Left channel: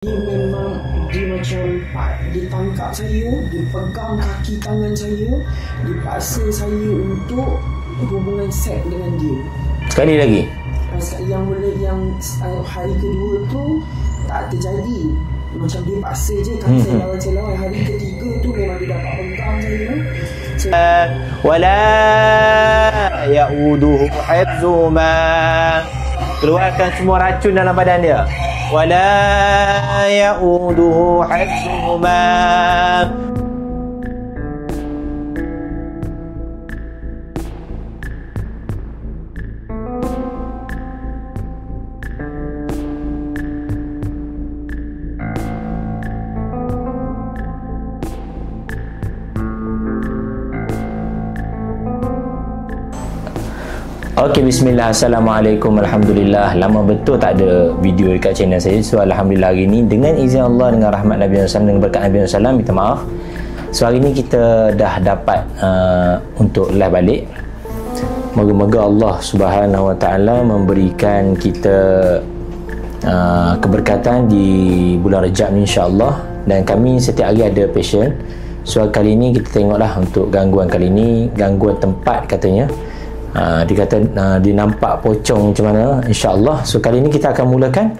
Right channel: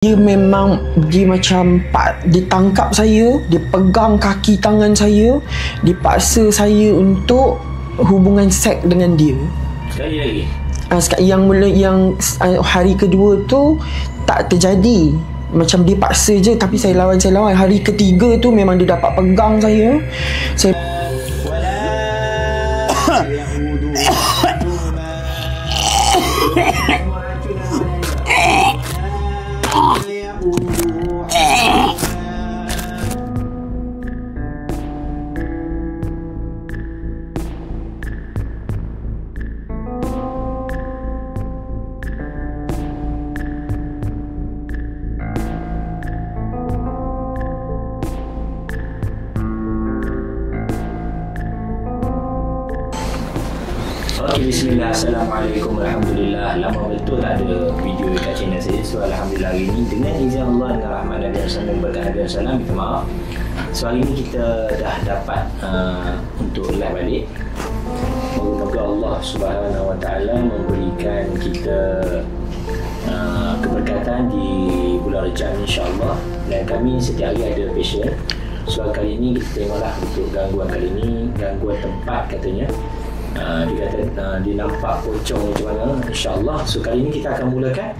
Dia memang dia macam dia tangkap saya, dia pegang kaki tangan saya, dia paksa saya untuk hubungan seks dengan dia. Sekali lagi. Yang hari kedua tu tak terjadi. Macam dia paksa je, tapi saya lawan. Hari ketiga tu memang dia dapat pegang saya. Wala ya'uduhu hifdhuhuma. Keluarkan semua racun dalam badan dia. Wala ya'uduhu hifdhuhuma. Okey, bismillah. Assalamualaikum, alhamdulillah. Lama betul tak ada video dekat channel saya. So alhamdulillah hari ni dengan izin Allah, dengan rahmat Nabi SAW, dengan berkat Nabi SAW, minta maaf. So hari ni kita dah dapat untuk live balik. Moga-moga Allah Subhanahu Wa Taala memberikan kita keberkatan di bulan Rejab insya-Allah, dan kami setiap hari ada passion. So kali ni kita tengoklah untuk gangguan kali ni, gangguan tempat katanya. Dia kata dia nampak pocong macam mana, insya-Allah. So kali ni kita akan mulakan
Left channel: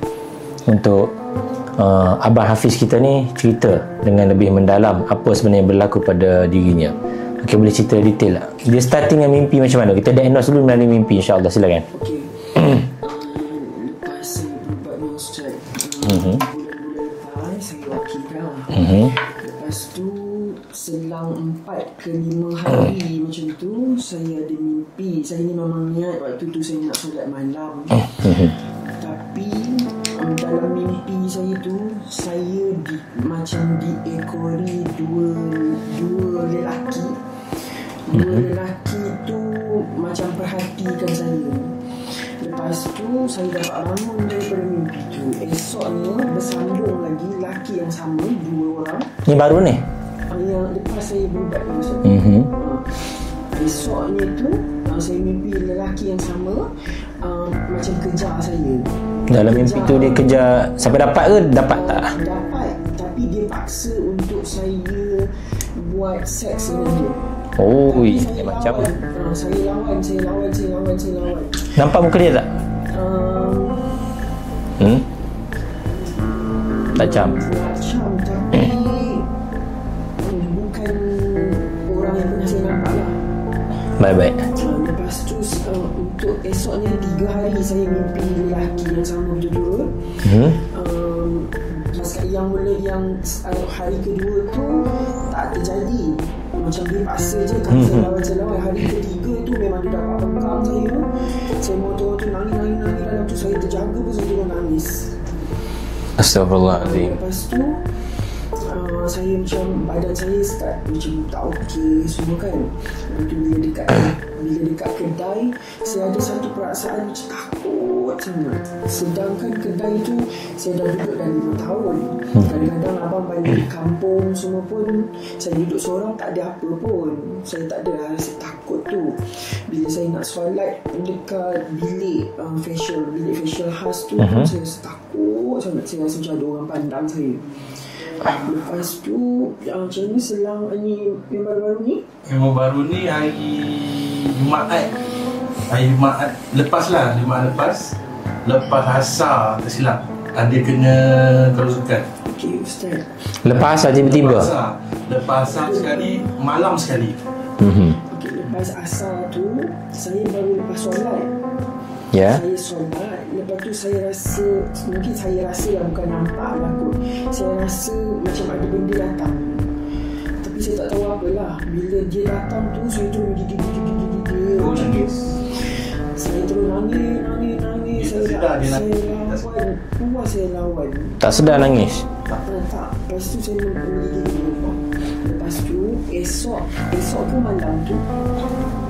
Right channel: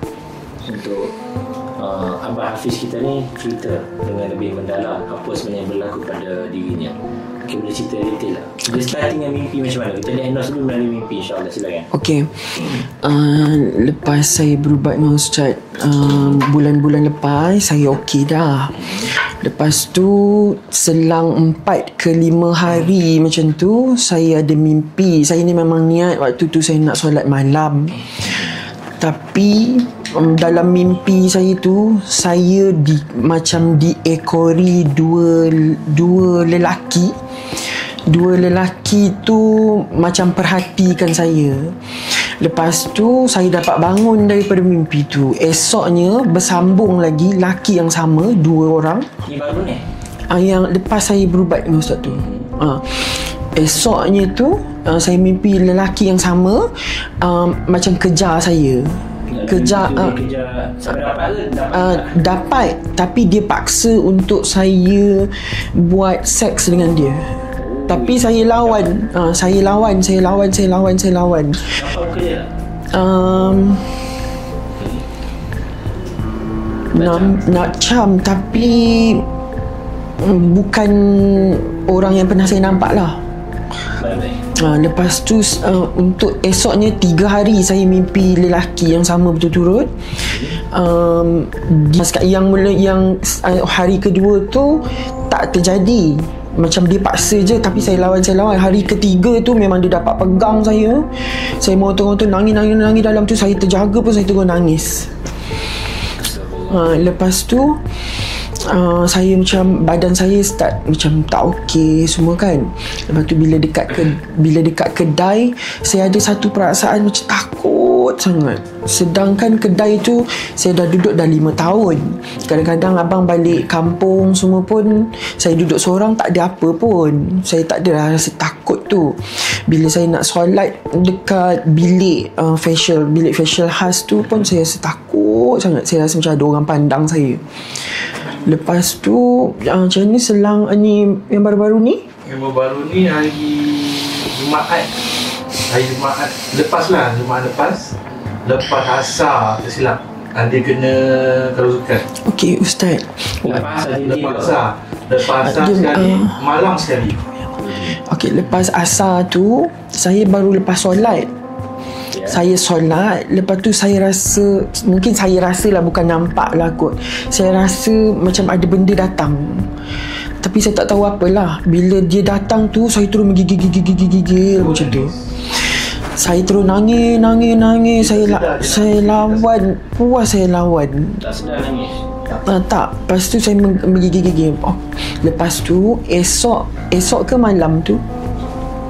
untuk Abang Hafiz kita ni cerita dengan lebih mendalam apa sebenarnya berlaku pada dirinya. Okey, boleh cerita detail tak? Dia starting dengan mimpi macam mana? Kita diagnose dulu melalui mimpi, insya-Allah. Silakan. Okey. Lepas saya berubat dengan Ustaz, bulan-bulan lepas saya okey dah. Lepas tu selang 4 ke 5 hari macam tu, saya ada mimpi. Saya ni memang niat waktu tu saya nak solat malam. Tapi dalam mimpi saya tu, saya macam diekori dua lelaki. Dua lelaki tu macam perhatikan saya. Lepas tu saya dapat bangun daripada mimpi tu. Esoknya bersambung lagi laki yang sama, 2 orang. Ni baru ni? Yang lepas saya berubat dengan Ustaz tu. Esoknya tu saya mimpi lelaki yang sama macam kejar saya. Dalam mimpi tu dia kejar sampai dapat ke? Dapat, tapi dia paksa untuk saya buat seks dengan dia. Tapi saya lawan. Saya lawan. Nampak muka dia tak? Nak cam, tapi bukan orang yang pernah saya nampak lah. Baik-baik. Lepas tu untuk esoknya 3 hari saya mimpi lelaki yang sama berturut-turut. Yang hari kedua tu tak terjadi. Macam dia paksa je, tapi saya lawan. Hari ketiga tu memang dia dapat pegang saya. Saya motor nangis dalam tu. Saya terjaga pun saya tengok nangis. Astagfirullah. Lepas tu saya macam badan saya start macam tak okey semua kan. Lepas tu bila dekat kedai, saya ada satu perasaan macam takut sangat. Sedangkan kedai tu saya dah duduk dah 5 tahun. Kadang-kadang abang balik kampung semua pun saya duduk seorang, tak ada apa pun. Saya tak ada rasa takut tu. Bila saya nak solat dekat bilik facial khas tu pun saya rasa takut sangat. Saya rasa macam ada orang pandang saya. Lepas tu macam ni selang ni yang baru-baru ni? Yang baru ni hari Jumaat. Jumaat lepas asar tersilap. Ada kena kerasukan. Okey Ustaz. Lepas asar tiba-tiba? Lepas asar sekali, malam sekali. Okey, lepas asar tu saya baru lepas solat. Saya solat, lepas tu saya rasa, mungkin saya rasa lah, bukan nampak lah kot, saya rasa macam ada benda datang, tapi saya tak tahu apalah. Bila dia datang tu, saya terus menggigil macam tu. Saya terus nangis. Saya lawan, puas saya lawan. Tak sedar nangis? Tak. Lepas tu saya menggigil. Lepas tu esok ke malam tu,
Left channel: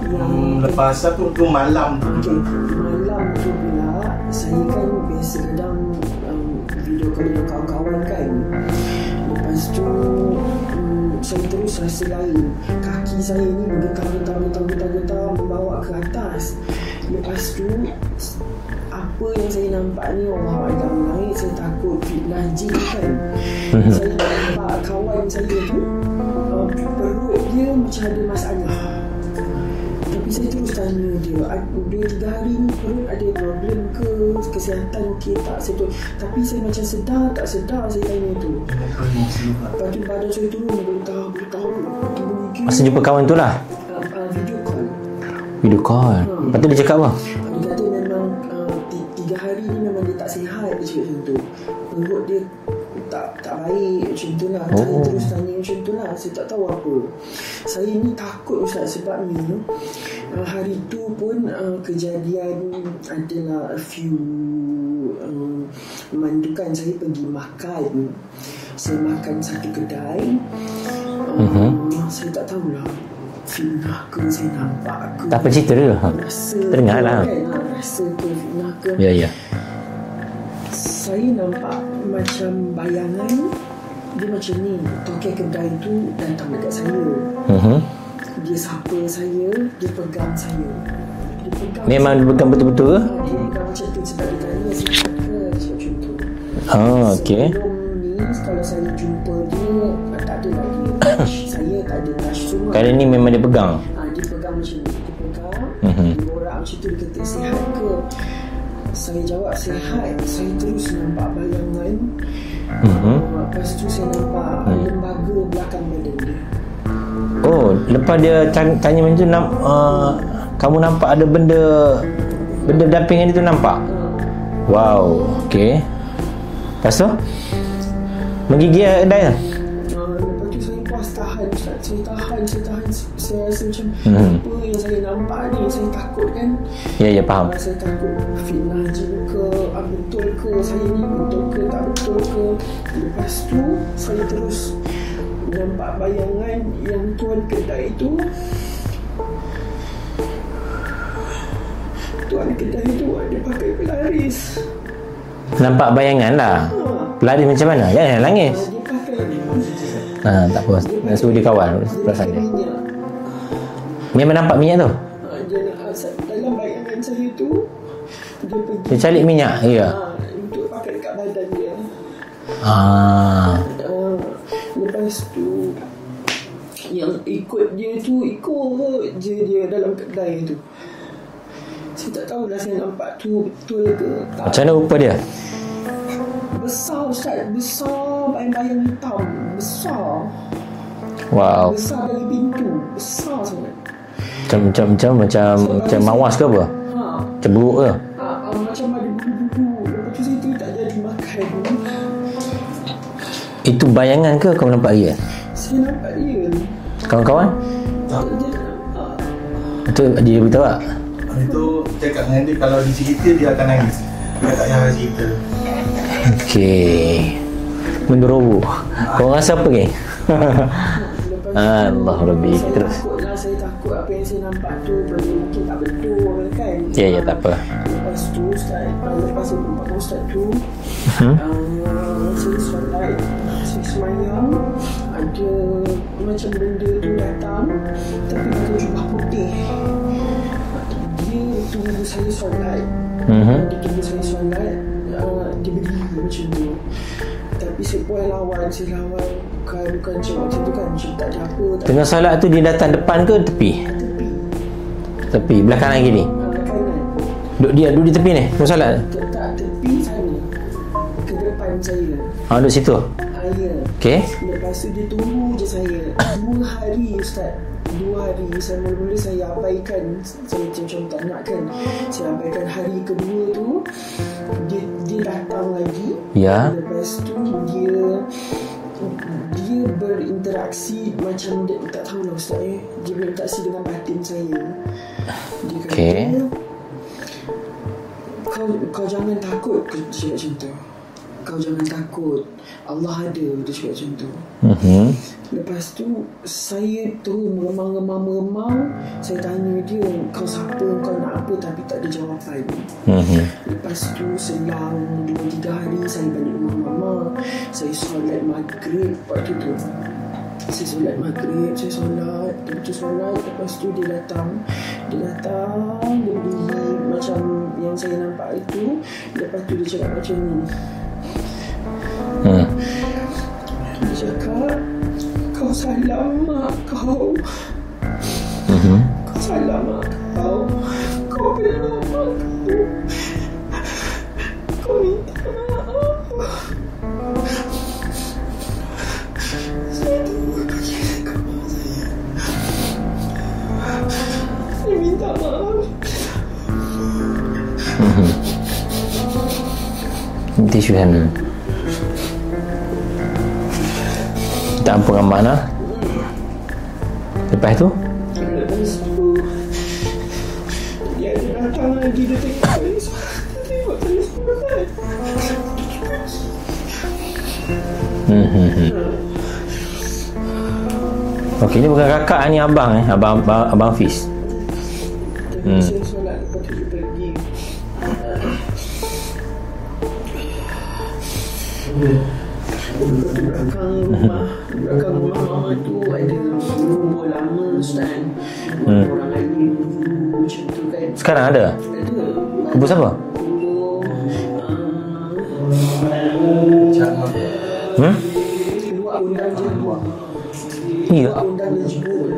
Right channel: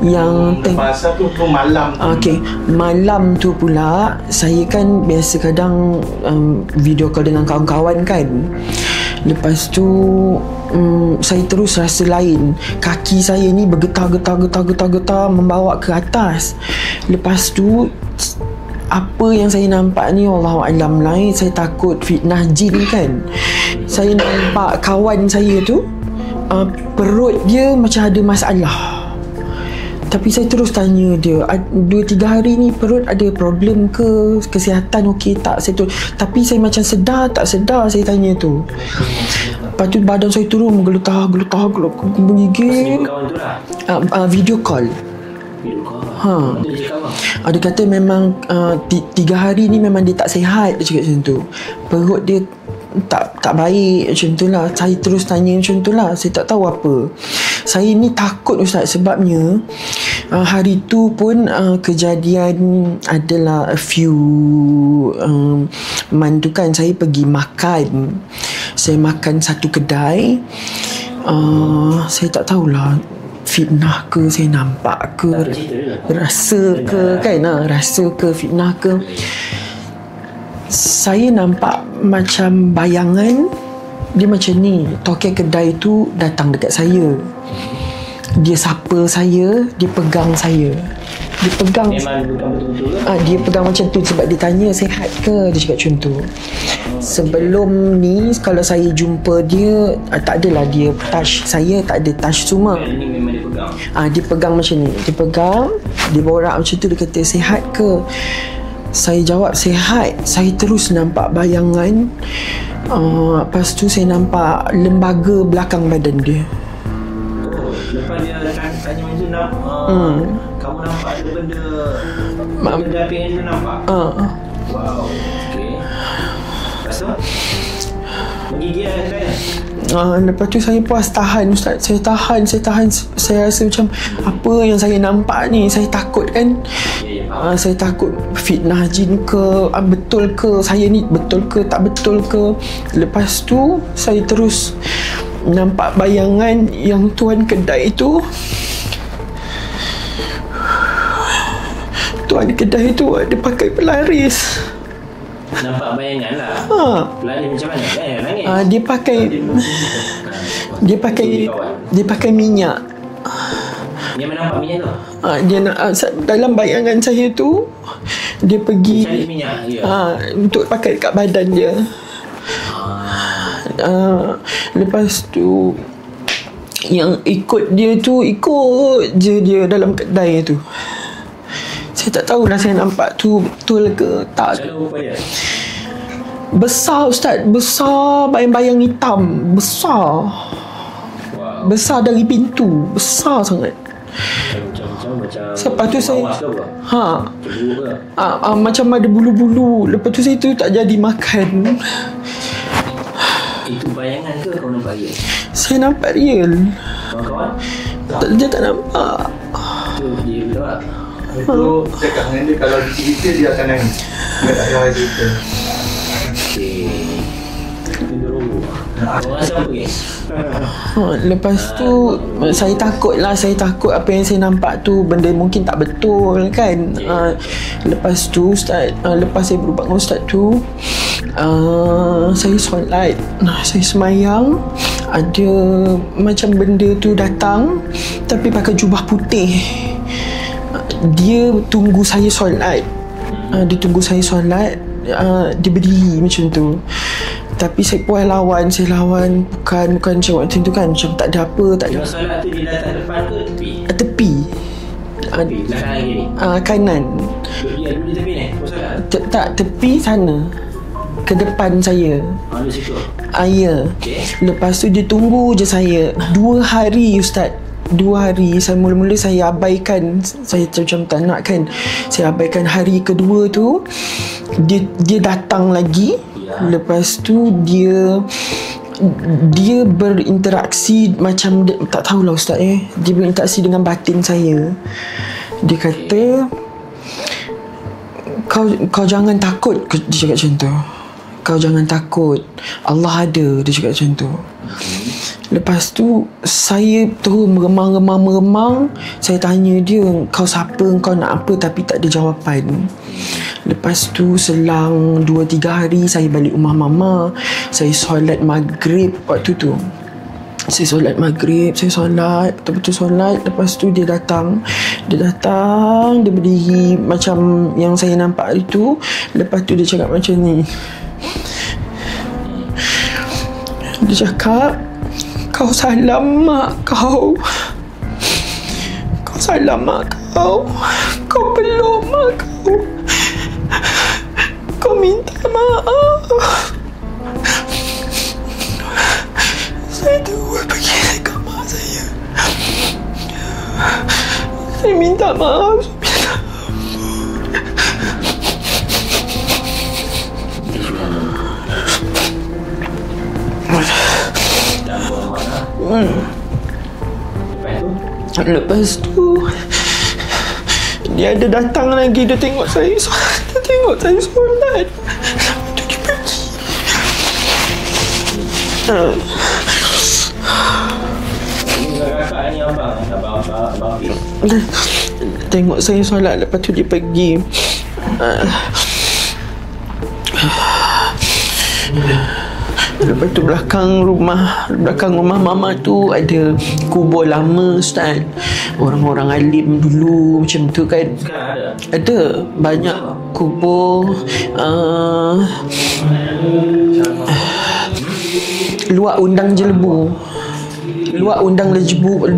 yang lepas tu malam tu. Okey, malam tu pula saya kan biasa kadang video call dengan kawan-kawan kan. Lepas tu saya terus rasa lain. Kaki saya ni bergetar membawa ke atas. Lepas tu apa yang saya nampak ni Allahualam lah, saya takut fitnah jin kan. Saya nampak kawan saya tu perut dia macam ada masalah. Tapi saya terus tanya dia, 2-3 hari ni perut ada problem ke? Kesihatan okey tak? Tapi saya macam sedar tak sedar, saya tanya tu. Lepas tu badan saya turun menggelutar menggigil. Masa jumpa kawan tu lah? Video call. Video call? Lepas tu dia cakap apa? Dia kata memang 3 hari ni memang dia tak sihat. Dia cakap macam tu. Perut dia tak baik macam tu lah. Saya terus tanya macam tu lah. Saya tak tahu apa. Saya ni takut Ustaz, sebabnya hari tu pun kejadian adalah a few month tu kan, saya pergi makan. Saya makan satu kedai. Saya tak tahulah fitnah ke saya nampak ke. Tak apa cerita dia lah. Rasa ke kan, rasa ke fitnah ke. Ya. Saya nampak macam bayangan dia macam ni. Tokai kedai tu datang dekat saya. Dia sapa saya, dia pegang saya. Dia pegang. Memang dia pegang betul-betul ke? Dia pegang macam tu sebab dia tanya sihat ke, dia cakap macam tu. Sebelum ni kalau saya jumpa dia, tak adalah dia touch saya, tak ada touch semua. Kali ni memang dia pegang. Dia pegang macam ni. Dia pegang, dia borak macam tu, dia kata sihat ke? Saya jawab sihat. Saya terus nampak bayangan. Lepas tu saya nampak lembaga belakang badan dia. Lepas dia tanya macam tu, kamu nampak ada benda dampingan dia tu nampak? Wow, okey. Lepas tu menggigil dah. Lepas tu saya puas tahan Ustaz. Saya tahan. Saya rasa macam apa yang saya nampak ni, saya takut kan. Ya faham. Saya takut fitnah jin ke, betul ke saya ni, betul ke tak betul ke. Lepas tu saya terus nampak bayangan yang tuan kedai tu. Tuan kedai tu ada pakai pelaris. Nampak bayangan lah. Lari macam mana? Langis. Dia pakai tak apa. Dia pakai minyak. Memang nampak minyak tu? Dia dalam bayangan saya tu, dia pergi dia cari minyak. untuk pakai dekat badan dia. Lepas tu yang ikut dia tu, ikut je dia dalam kedai tu. Saya tak tahulah saya nampak tu betul ke tak. Macam mana rupa dia? Besar Ustaz, besar, bayang-bayang hitam, besar. Wow. Besar dari pintu, besar sangat. Macam mawas ke apa? Macam buruk ke? Macam ada bulu-bulu. Lepas tu saya tu tak jadi makan. Itu bayangan ke kau nampak real? Saya nampak real. Kawan-kawan? Dia tak nampak. Itu dia beritahu tak? Itu cakap dengan dia, kalau dicerita dia akan nangis. Dia tak ada cerita. Okey. Meneroboh. Korang rasa apa guys? Lepas tu saya takut apa yang saya nampak tu benda mungkin tak betul kan. Tak apa. Lepas tu Ustaz, lepas saya berubah dengan Ustaz tu, saya solat, saya semayang, ada macam benda tu datang tapi pakai jubah putih. Dia tunggu saya solat. Dia tunggu saya solat. Dia berdiri macam tu. Tapi saya puas lawan. Saya lawan. Bukan macam waktu tu kan, macam tak ada apa, tak ada. Dengan solat tu dia datang depan ke tepi? Tepi. Belah kanan gini? Kanan. Duduk di tepi ni? Tengok solat? Tak, tepi sana. Ke depan saya. Duduk situ? Ya. Okay. Lepas tu dia tunggu je saya 2 hari Ustaz. 2 hari. Saya mula-mula saya abaikan. Saya macam tak nak kan. Saya abaikan. Hari kedua tu dia datang lagi. Lepas tu dia berinteraksi macam tak tahulah Ustaz dia berinteraksi dengan batin saya. Dia kata kau jangan takut. Dia cakap macam tu. Kau jangan takut, Allah ada. Dia cakap macam tu. Lepas tu saya terus meremang. Saya tanya dia, kau siapa, kau nak apa, tapi tak ada jawapan. Lepas tu selang 2-3 hari saya balik rumah mama. Saya solat maghrib waktu tu. Saya solat maghrib, saya solat, betul-betul solat. Lepas tu dia datang, dia berdiri macam yang saya nampak itu. Lepas tu dia cakap macam ni. Dia cakap, kau salam mak kau. Kau salam mak kau. Kau peluk mak kau. Kau minta maaf. Saya terus pergi ke kamar saya. Saya minta maaf. Tisu kan. Tak apa gambar lah. Lepas tu dia ada datang lagi. Dia tengok saya solat. Dia pergi. Ini bukan kakak ni, abang Abang Fiz. Tengok saya solat. Lepas tu dia pergi. Lepas tu belakang rumah mama tu ada kubur lama, Ustaz. Orang-orang alim dulu macam tu kan. Sekarang ada? Ada banyak kubur. Luak undang Jelebu. Luak undang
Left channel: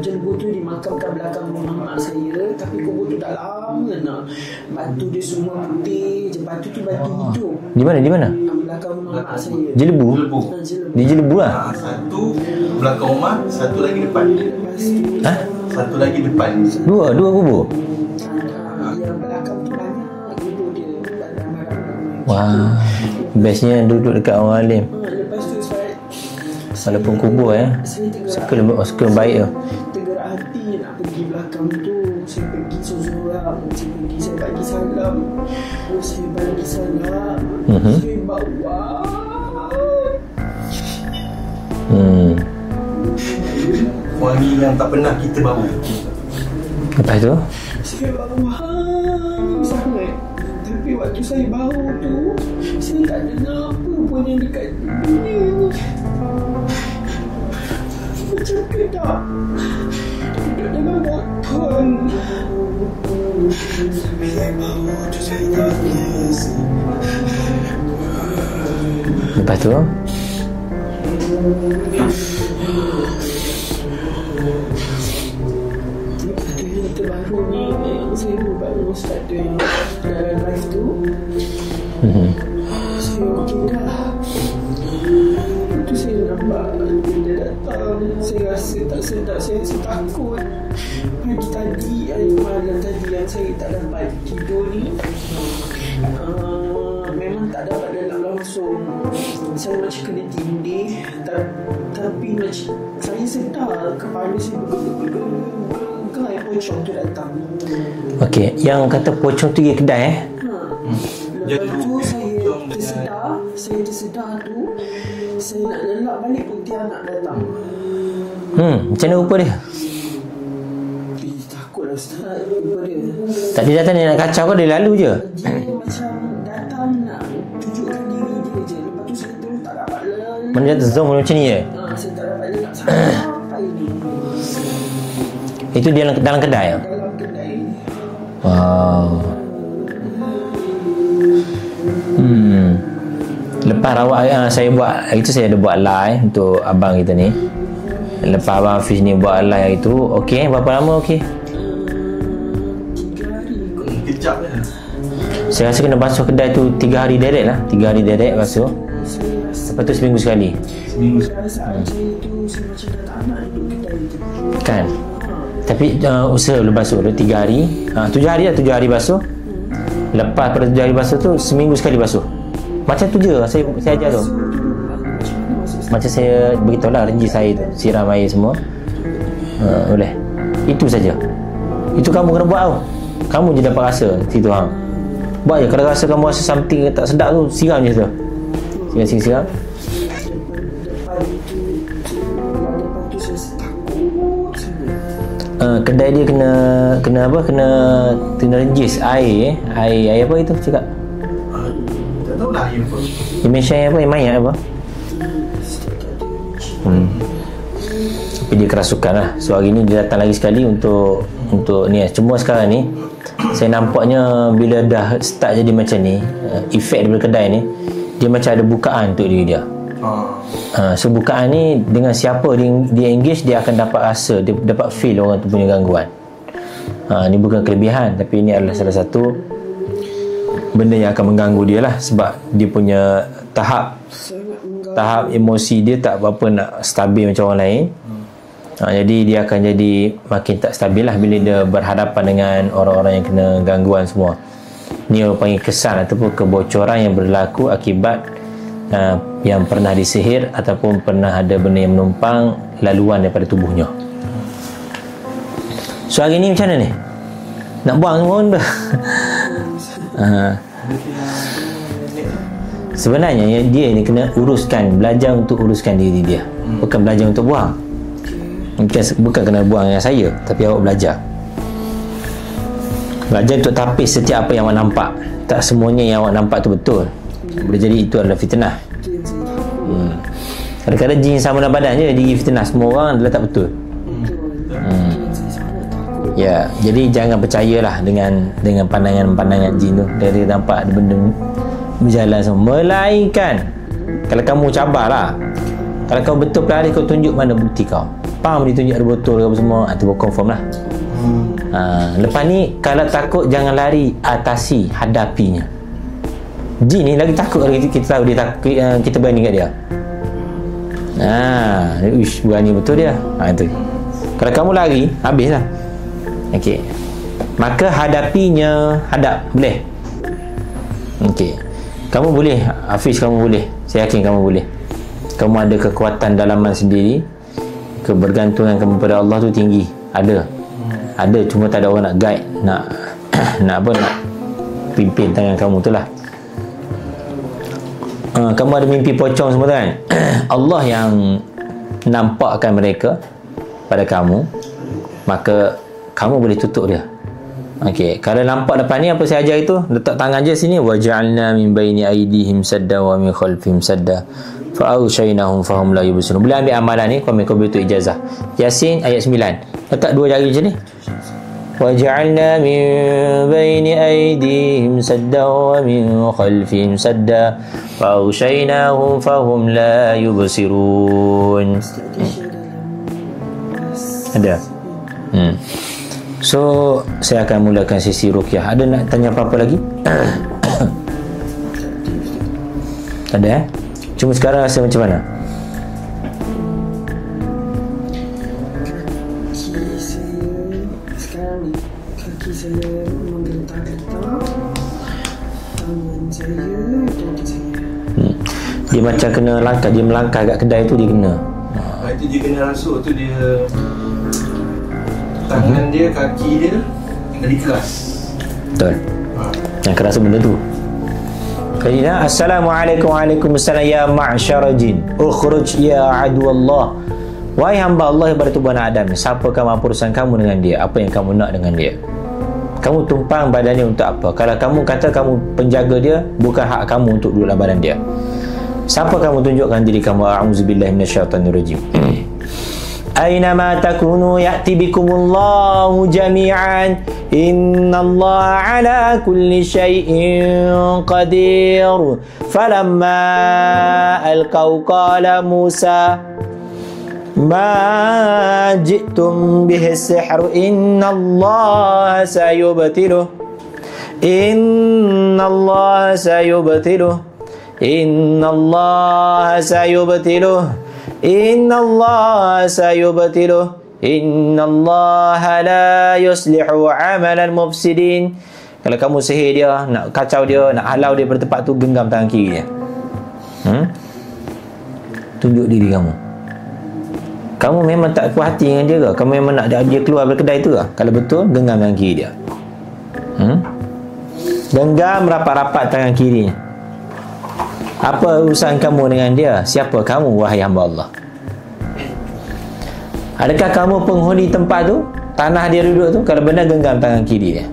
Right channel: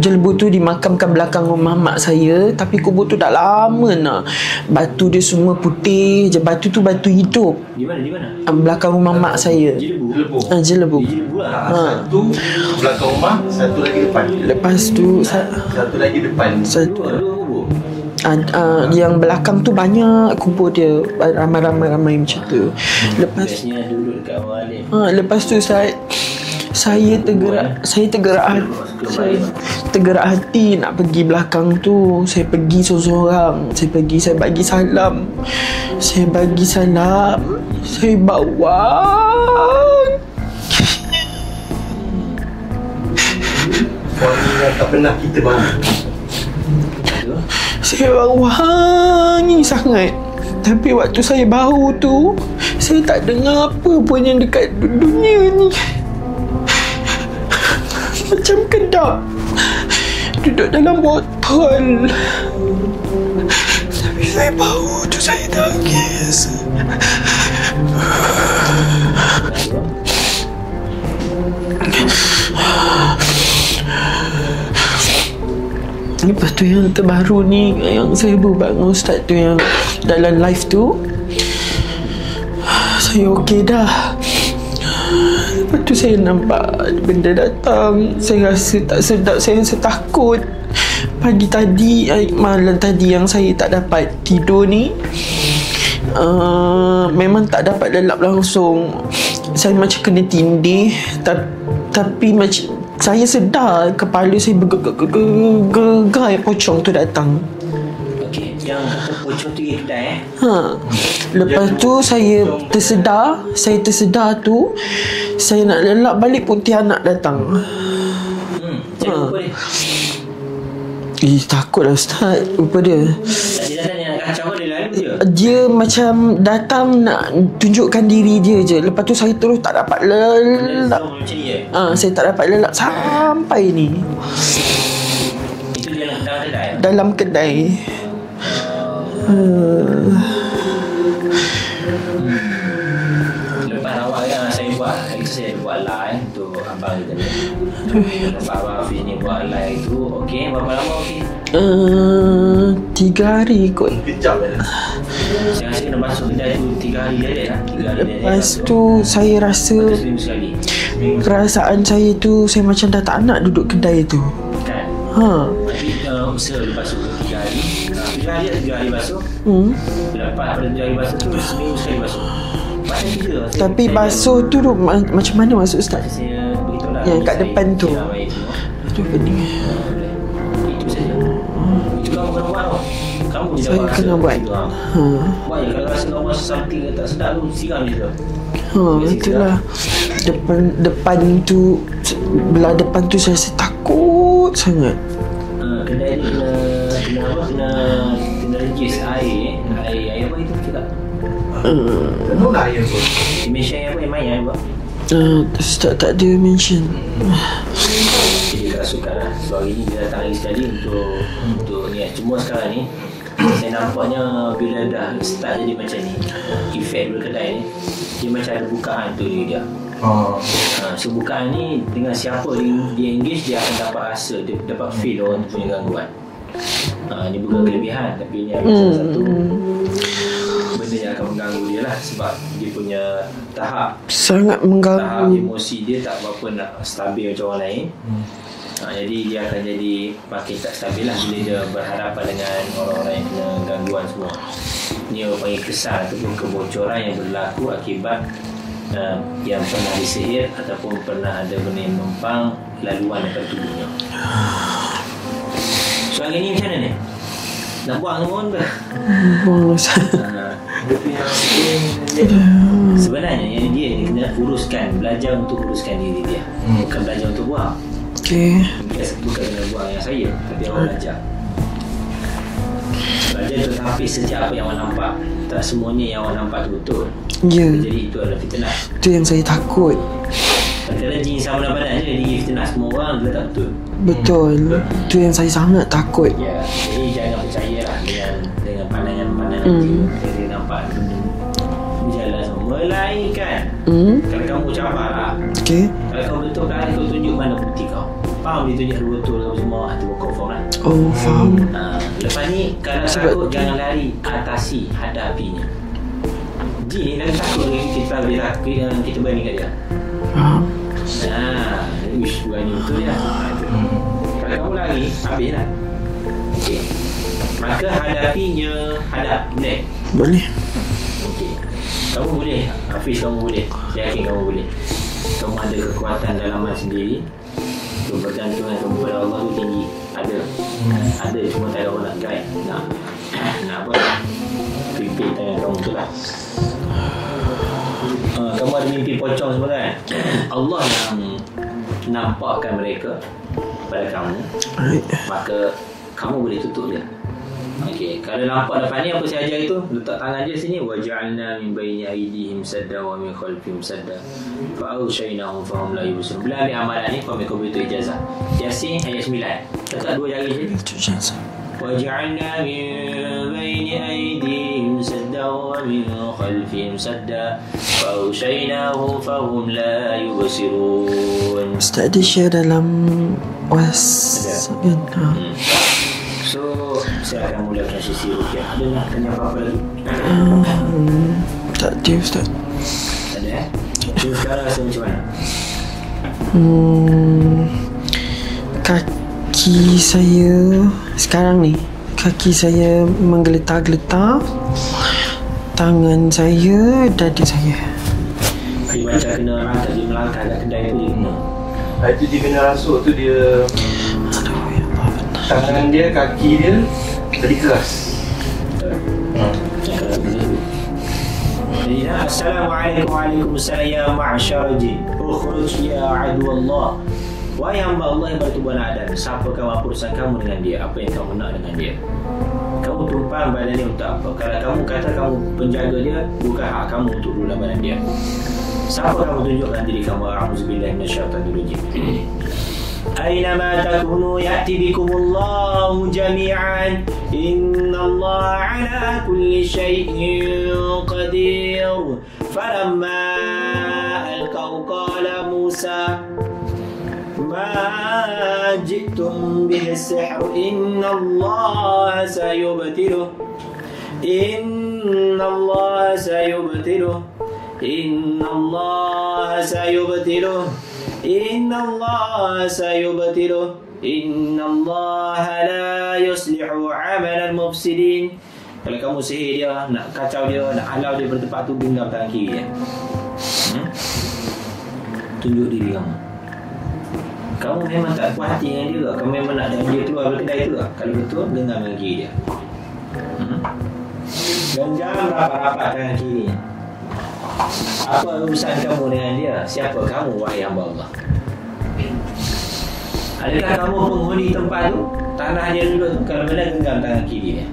Jelebu tu dimakamkan belakang rumah mak saya. Tapi kubur tu dah lama nak. Batu dia semua putih je. Batu tu batu hidup. Di mana? Belakang rumah mak saya. Jelebu? Jelebu. Di Jelebu lah. Satu belakang rumah, satu lagi depan. Lepas tu Satu lagi depan. Dua kubur? Yang belakang tu banyak kubur dia. Ramai-ramai macam tu. Bestnya duduk dekat orang alim. Lepas tu saya tergerak hati nak pergi belakang tu. Saya pergi seorang-seorang. Saya bagi salam. Saya bawa Wangi yang tak pernah kita bau. Lepas tu saya bau wangi sangat. Tapi waktu saya bau tu, saya tak dengar apa pun yang dekat dunia ni. Macam kedap duduk dalam botol. Tapi saya bau tu, saya tangis. Lepas tu Lepas tu yang terbaru ni, yang saya buat dengan Ustaz tu, yang dalam live tu, saya okey dah. Lepas tu saya nampak benda datang. Saya rasa tak sedap. Saya rasa takut. Pagi tadi, malam tadi yang saya tak dapat tidur ni, memang tak dapat lelap langsung. Saya macam kena tindih. Tapi macam saya sedar kepala saya bergegar pocong tu datang. Okey, yang kata pocong tu pergi kedai Lepas tu saya tersedar tu, saya nak lelap balik, Pontianak datang. Macam mana rupa dia? Takutlah Ustaz, rupa dia. Tak dia datang, dia nak kacau kau, dia lalu je. Dia macam datang nak tunjukkan diri dia je. Lepas tu saya terus tak dapat lelap. Dia zoom macam ni je? Saya tak dapat lelap sampai ni. Itu dia dalam kedai? Dalam kedai. Lepas saya ada buat live untuk abang kita ni. Lepas abang Fiz ni buat live itu, okey, berapa lama okey? 3 hari kot. Kejap je. Saya rasa kena basuh kedai tu 3 hari deret lah. 3 hari deret. Lepas tu saya rasa, lepas tu seminggu sekali. perasaan saya tu, saya macam dah tak nak duduk kedai tu Kan? Tapi usaha lu basuh tu 3 hari. 7 hari lah, 7 hari basuh. Lepas pada 7 hari basuh tu, seminggu sekali basuh. Macam tu je. Tapi basuh tu macam mana maksud Ustaz? Macam saya beritahu lah, lagi saya siram air semua. Boleh. Itu saja. Itu kamu kena buat tau. Kamu je dapat rasa itu. Buat je. Kalau rasa kamu rasa something tak sedap tu, siram je tu. Siram. Depan tu, belah depan tu saya takut sangat. Kedai dia kena apa? Kena regis air apa itu cakap? Mana yang tu? Dimension apa? Yang main apa? Ustaz tak ada mention. Jadi kerasukan lah. So hari ni dia datang lagi sekali untuk ni. Cuma sekarang ni saya nampaknya bila dah start jadi macam ni, efek daripada kedai ni, dia macam ada bukaan untuk diri dia. So bukaan ni dengan siapa dia engage, dia akan dapat rasa, dia dapat feel orang tu punya gangguan. Ni bukan kelebihan, tapi ini adalah salah satu benda yang akan mengganggu dia lah. Sebab dia punya tahap sangat mengganggu, tahap emosi dia tak berapa nak stabil macam orang lain. Jadi dia akan jadi makin tak stabil lah bila dia berhadapan dengan orang-orang yang kena gangguan semua. Ni orang panggil kesan ataupun kebocoran yang berlaku akibat yang pernah disihir ataupun pernah ada benda yang menumpang laluan daripada tubuhnya. So hari ni macam mana ni? Nak buang pun dah. Sebenarnya dia ni kena uruskan, belajar untuk uruskan diri dia, bukan belajar untuk buang. Bukan kena buang dengan saya, tapi awak belajar untuk tapis setiap apa yang awak nampak. Tak semuanya yang awak nampak tu betul. Jadi itu adalah fitnah. Itu yang saya takut. Kadang-kadang jin sama dalam badan je dia fitnah semua orang adalah tak betul. Itu yang saya sangat takut. Jadi jangan percayalah dengan pandangan-pandangan jin tu. Dia nampak benda berjalan semua. Melainkan kalau kamu cabarlah. Kalau kamu betul pelari, kau tunjuk mana bukti kau. Faham dia tunjuk ada botol ke apa semua, itu confirm lah. Faham. Lepas ni kalau takut jangan lari, atasi, hadapinya. Jin ni lagi takut lagi kita tahu dia takut, kita berani kat dia. Berani betul dia. Itu. Kalau kamu lari, habislah. Okey. Maka hadapinya, boleh. Okey. Kamu boleh, Hafiz, kamu boleh. Saya yakin kamu boleh. Kamu ada kekuatan dalaman sendiri. Kebergantungan kamu pada Allah tu tinggi. Ada, cuma tak ada orang nak guide, nak pimpin tangan kamu tu lah. Kamu ada mimpi pocong semua tu kan? Allah yang nampakkan mereka pada kamu, maka kamu boleh tutup dia. Okey, kalau nampak depan ni apa saya ajar itu, letak tangan je sini, waja'alna min baini aydihim sadda wa min khalfihim sadda fa awshaynahum fahum la yubsirun. Boleh ambil amalan ni, kami tu ijazah. Yasin ayat 9. Letak dua jari macam ni. وَجَعَلْنَا مِنْ بَيْنِ أَيْدِيهِمْ سَدًّا وَمِنْ خَلْفِهِمْ سَدًّا فَأَغْشَيْنَاهُمْ فَهُمْ لَا يُبْصِرُونَ. Ustaz ada share dalam was. Ada. So saya akan mulakan sesi ruqyah. Ada nak tanya apa-apa lagi? Tak ada, Ustaz. Ada Cuma sekarang rasa macam mana? Kaki saya sekarang ni, kaki saya menggeletar-geletar, tangan saya, dada saya. Dia macam kena langkah, dia melangkah kat kedai tu, dia kena. Itu dia kena rasuk tu, dia tangan dia, kaki dia jadi keras. Betul. Yang keras benda tu. Assalamualaikum, waalaikumsalam ya ma'syara jin ukhruj ya aduallah. Wahai hamba Allah yang bertubuh anak Adam, siapakah urusan kamu dengan dia? Apa yang kamu nak dengan dia? Kamu tumpang badan dia untuk apa? Kalau kamu kata kamu penjaga dia, bukan hak kamu untuk duduk dalam badan dia. Siapa kamu tunjukkan diri kamu? A'udzubillahi minasyaitonirrajim. Aynama takunu ya'ti bikumullahu jami'an. Innallaha ala kulli syai'in qadir. Falamma alqaw qala Musa ma ji'tum bihi sihr innallaha sayubtiluh innallaha sayubtiluh innallaha sayubtiluh innallaha sayubtiluh innallaha la yuslihu amalan mufsidin. Kalau kamu sihir dia, nak kacau dia, nak halau dia bertempat tu, genggam tangan kiri dia. Tunjuk diri kamu. Kamu memang tak puas hati dengan dia ke? Kamu memang nak dia keluar dari kedai tu ke? Kalau betul, genggam tangan kiri dia. Genggam rapat-rapat tangan kiri. Apa urusan kamu dengan dia? Siapa kamu, wahai hamba Allah? Adakah kamu penghuni tempat tu? Tanah dia duduk tu? Kalau benar, genggam tangan kiri dia.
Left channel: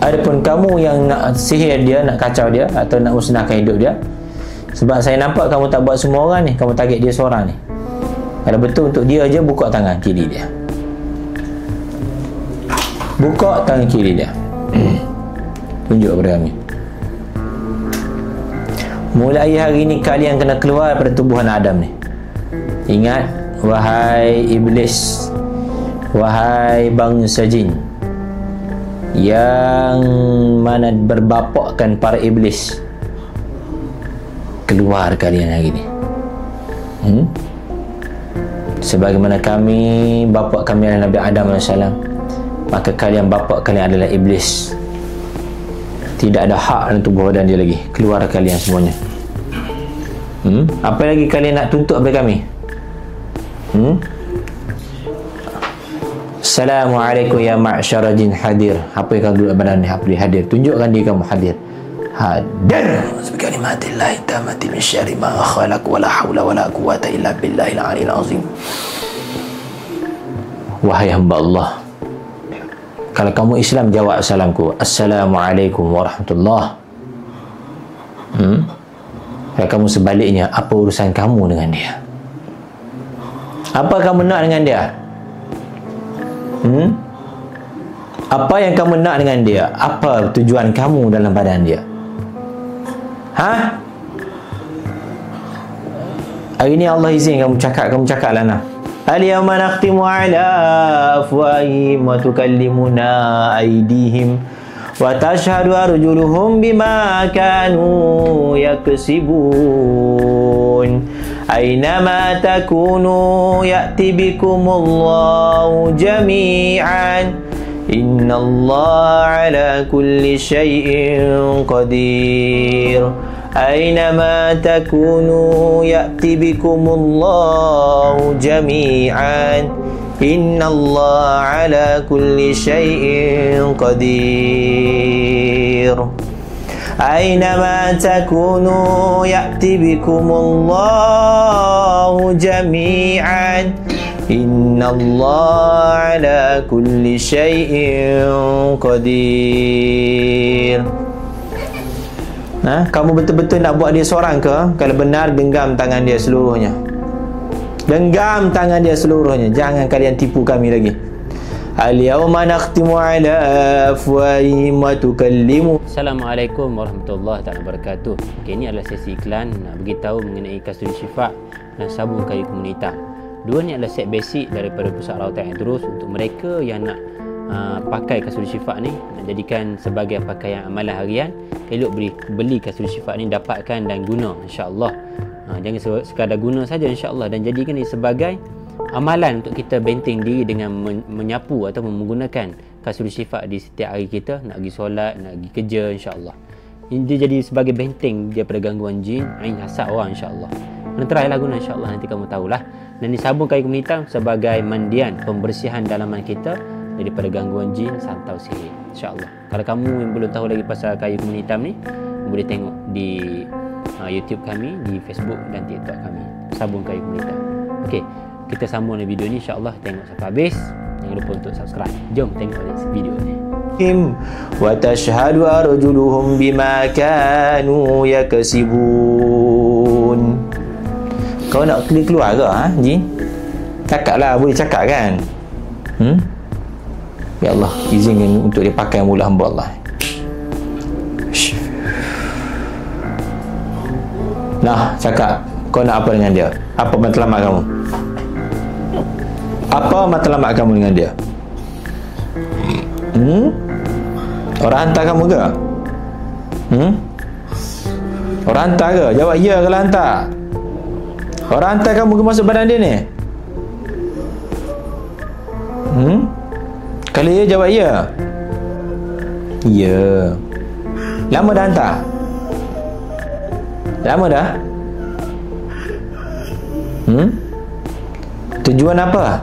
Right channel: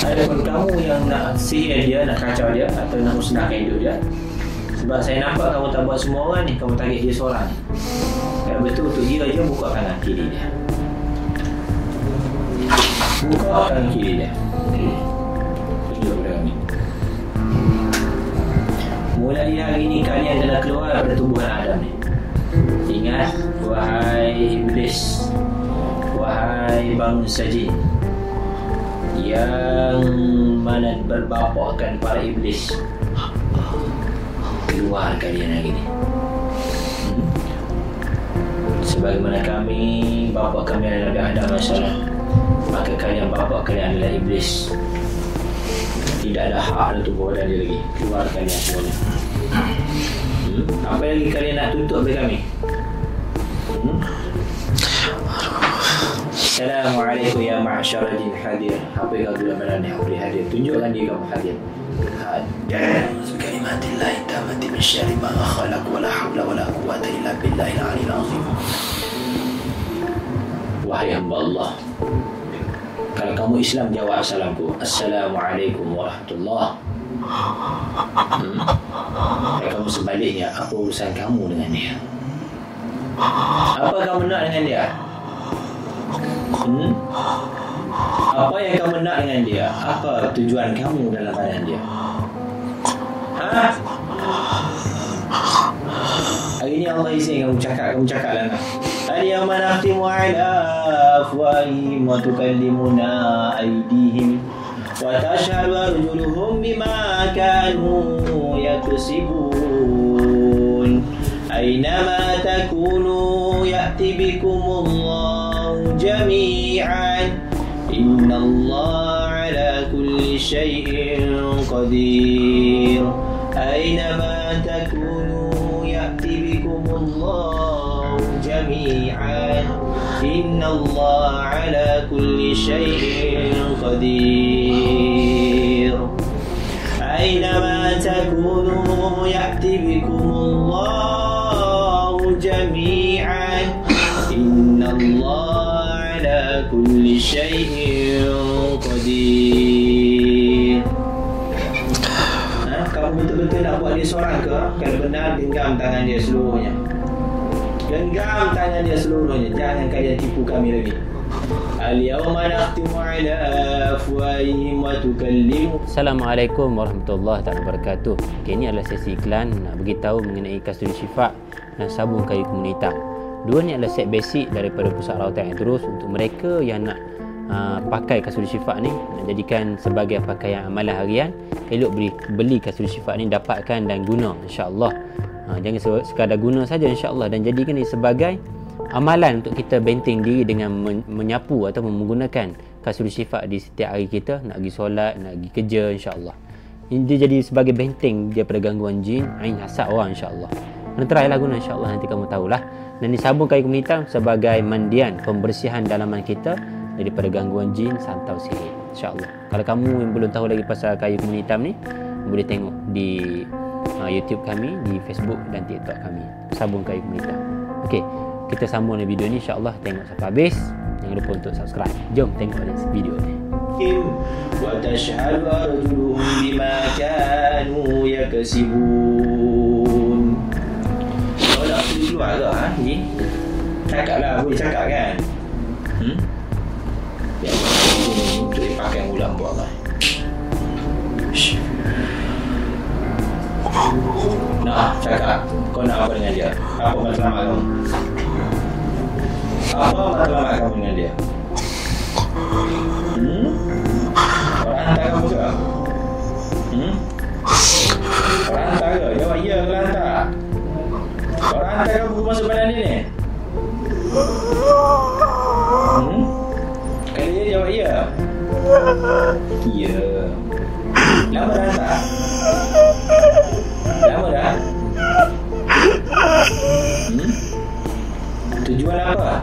Adapun kamu yang nak sihir dia, nak kacau dia atau nak musnahkan hidup dia, sebab saya nampak kamu tak buat semua orang ni, kamu target dia seorang ni. Kalau betul untuk dia je, buka tangan kiri dia. Buka tangan kiri dia. Tunjuk kepada kami. Mulai hari ni kalian kena keluar daripada tubuhan Adam ni. Ingat, wahai iblis, wahai bangsa jin yang mana berbapakkan para iblis, keluar kalian hari ni. Sebagaimana kami, bapa kami adalah Nabi Adam AS, maka kalian bapa kalian adalah iblis. Tidak ada hak dalam tubuh badan dia lagi. Keluar kalian semuanya. Apa lagi kalian nak tuntut kepada kami? Assalamualaikum ya ma'syara jin hadir. Apa yang kamu duduk badan ni? Apa dia hadir? Tunjukkan diri kamu hadir. Hadir. Subhanallah tamati min syarri ma khalaq wala haula wala quwwata illa billahil aliyil azim. Wahai hamba Allah, kalau kamu Islam, jawab salamku. Assalamualaikum warahmatullahi. Kalau kamu sebaliknya, apa urusan kamu dengan dia? Apa kamu nak dengan dia? Apa yang kamu nak dengan dia? Apa tujuan kamu dalam badan dia? Hari ni Allah izin kamu cakaplah nah. Al-yawma nakhtimu ala afwahihim wa tukallimuna aydihim wa tashhadu arjuluhum bima kanu yaksibun. Aynama takunu ya'ti bikumullahu jami'an. Innallaha ala kulli syai'in qadir. Aynama takunu ya'ti bikumullahu jami'an. Innallaha ala kulli syai'in qadir. Aynama takunu ya'ti bikumullahu jami'an. Innallaha ala kulli syai'in qadir. Kamu betul-betul nak buat dia seorang ke? Kalau benar, genggam tangan dia seluruhnya. Genggam tangan dia seluruhnya. Jangan kalian tipu kami lagi. Al-yawma nakhtimu ala afwahihim wa tukallimu. Assalamualaikum warahmatullahi wabarakatuh. Okay, ini adalah sesi iklan nak beritahu mengenai Kasturi Syifa dan sabun kayu komunitas. Dua ni adalah set basic daripada Pusat Rawatan Aidrus untuk mereka yang nak pakai Kasturi Syifa ni, nak jadikan sebagai pakaian amalan harian. Elok beli Kasturi Syifa ni, dapatkan dan guna insya-Allah. Jangan sekadar guna saja insya-Allah, dan jadikan ini sebagai amalan untuk kita benteng diri dengan menyapu atau menggunakan Kasturi Syifa di setiap hari kita, nak pergi solat, nak pergi kerja insya-Allah. Ini dia jadi sebagai benteng daripada gangguan jin, ain hasad orang insya-Allah. Kena try lah guna insya-Allah, nanti kamu tahulah. Dan di sabun kayu komunitas sebagai mandian pembersihan dalaman kita daripada gangguan jin, santau, sihir insya-Allah. Kalau kamu yang belum tahu lagi pasal kayu komunitas ni, boleh tengok di YouTube kami, di Facebook dan TikTok kami, sabun kayu komunitas. Okey, kita sambung video ni insya-Allah, tengok sampai habis. Jangan lupa untuk subscribe. Jom tengok video ni. Wa tashhadu arjuluhum bima kanu yaksibun. Kau nak keluar ke jin? Cakaplah, boleh cakap kan? Ya Allah, izin ini untuk dipakai mula hamba Allah. Nah, cakap. Kau nak apa dengan dia? Apa matlamat kamu? Apa matlamat kamu dengan dia? Orang hantar kamu ke? Orang hantar ke? Jawab ya kalau hantar. Orang hantar kamu ke masuk badan dia ni? Kalau ya, jawab ya. Ya. Lama dah hantar? Lama dah? Tujuan apa?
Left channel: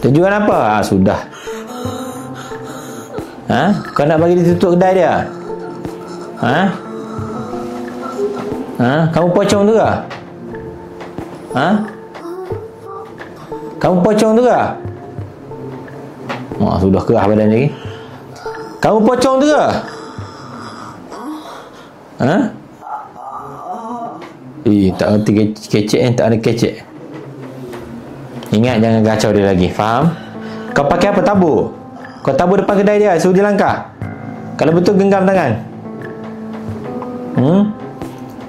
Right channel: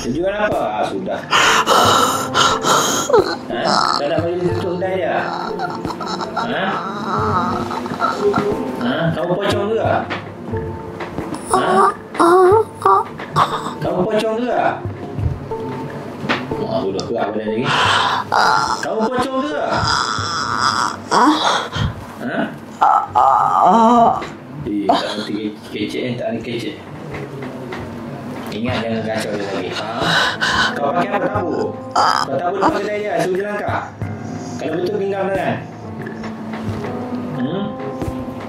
Tujuan apa? Sudah. Kau nak bagi dia tutup kedai dia? Kamu pocong tu ke? Kamu pocong tu ke? Oh, sudah kerah badan lagi. Kamu pocong tu ke? Ha? Tak ngerti kecek tak ada kecek. Ingat jangan gacau dia lagi. Faham? Kau pakai apa? Tabur. Kau tabur depan kedai dia, suruh dia langkah. Kalau betul genggam tangan.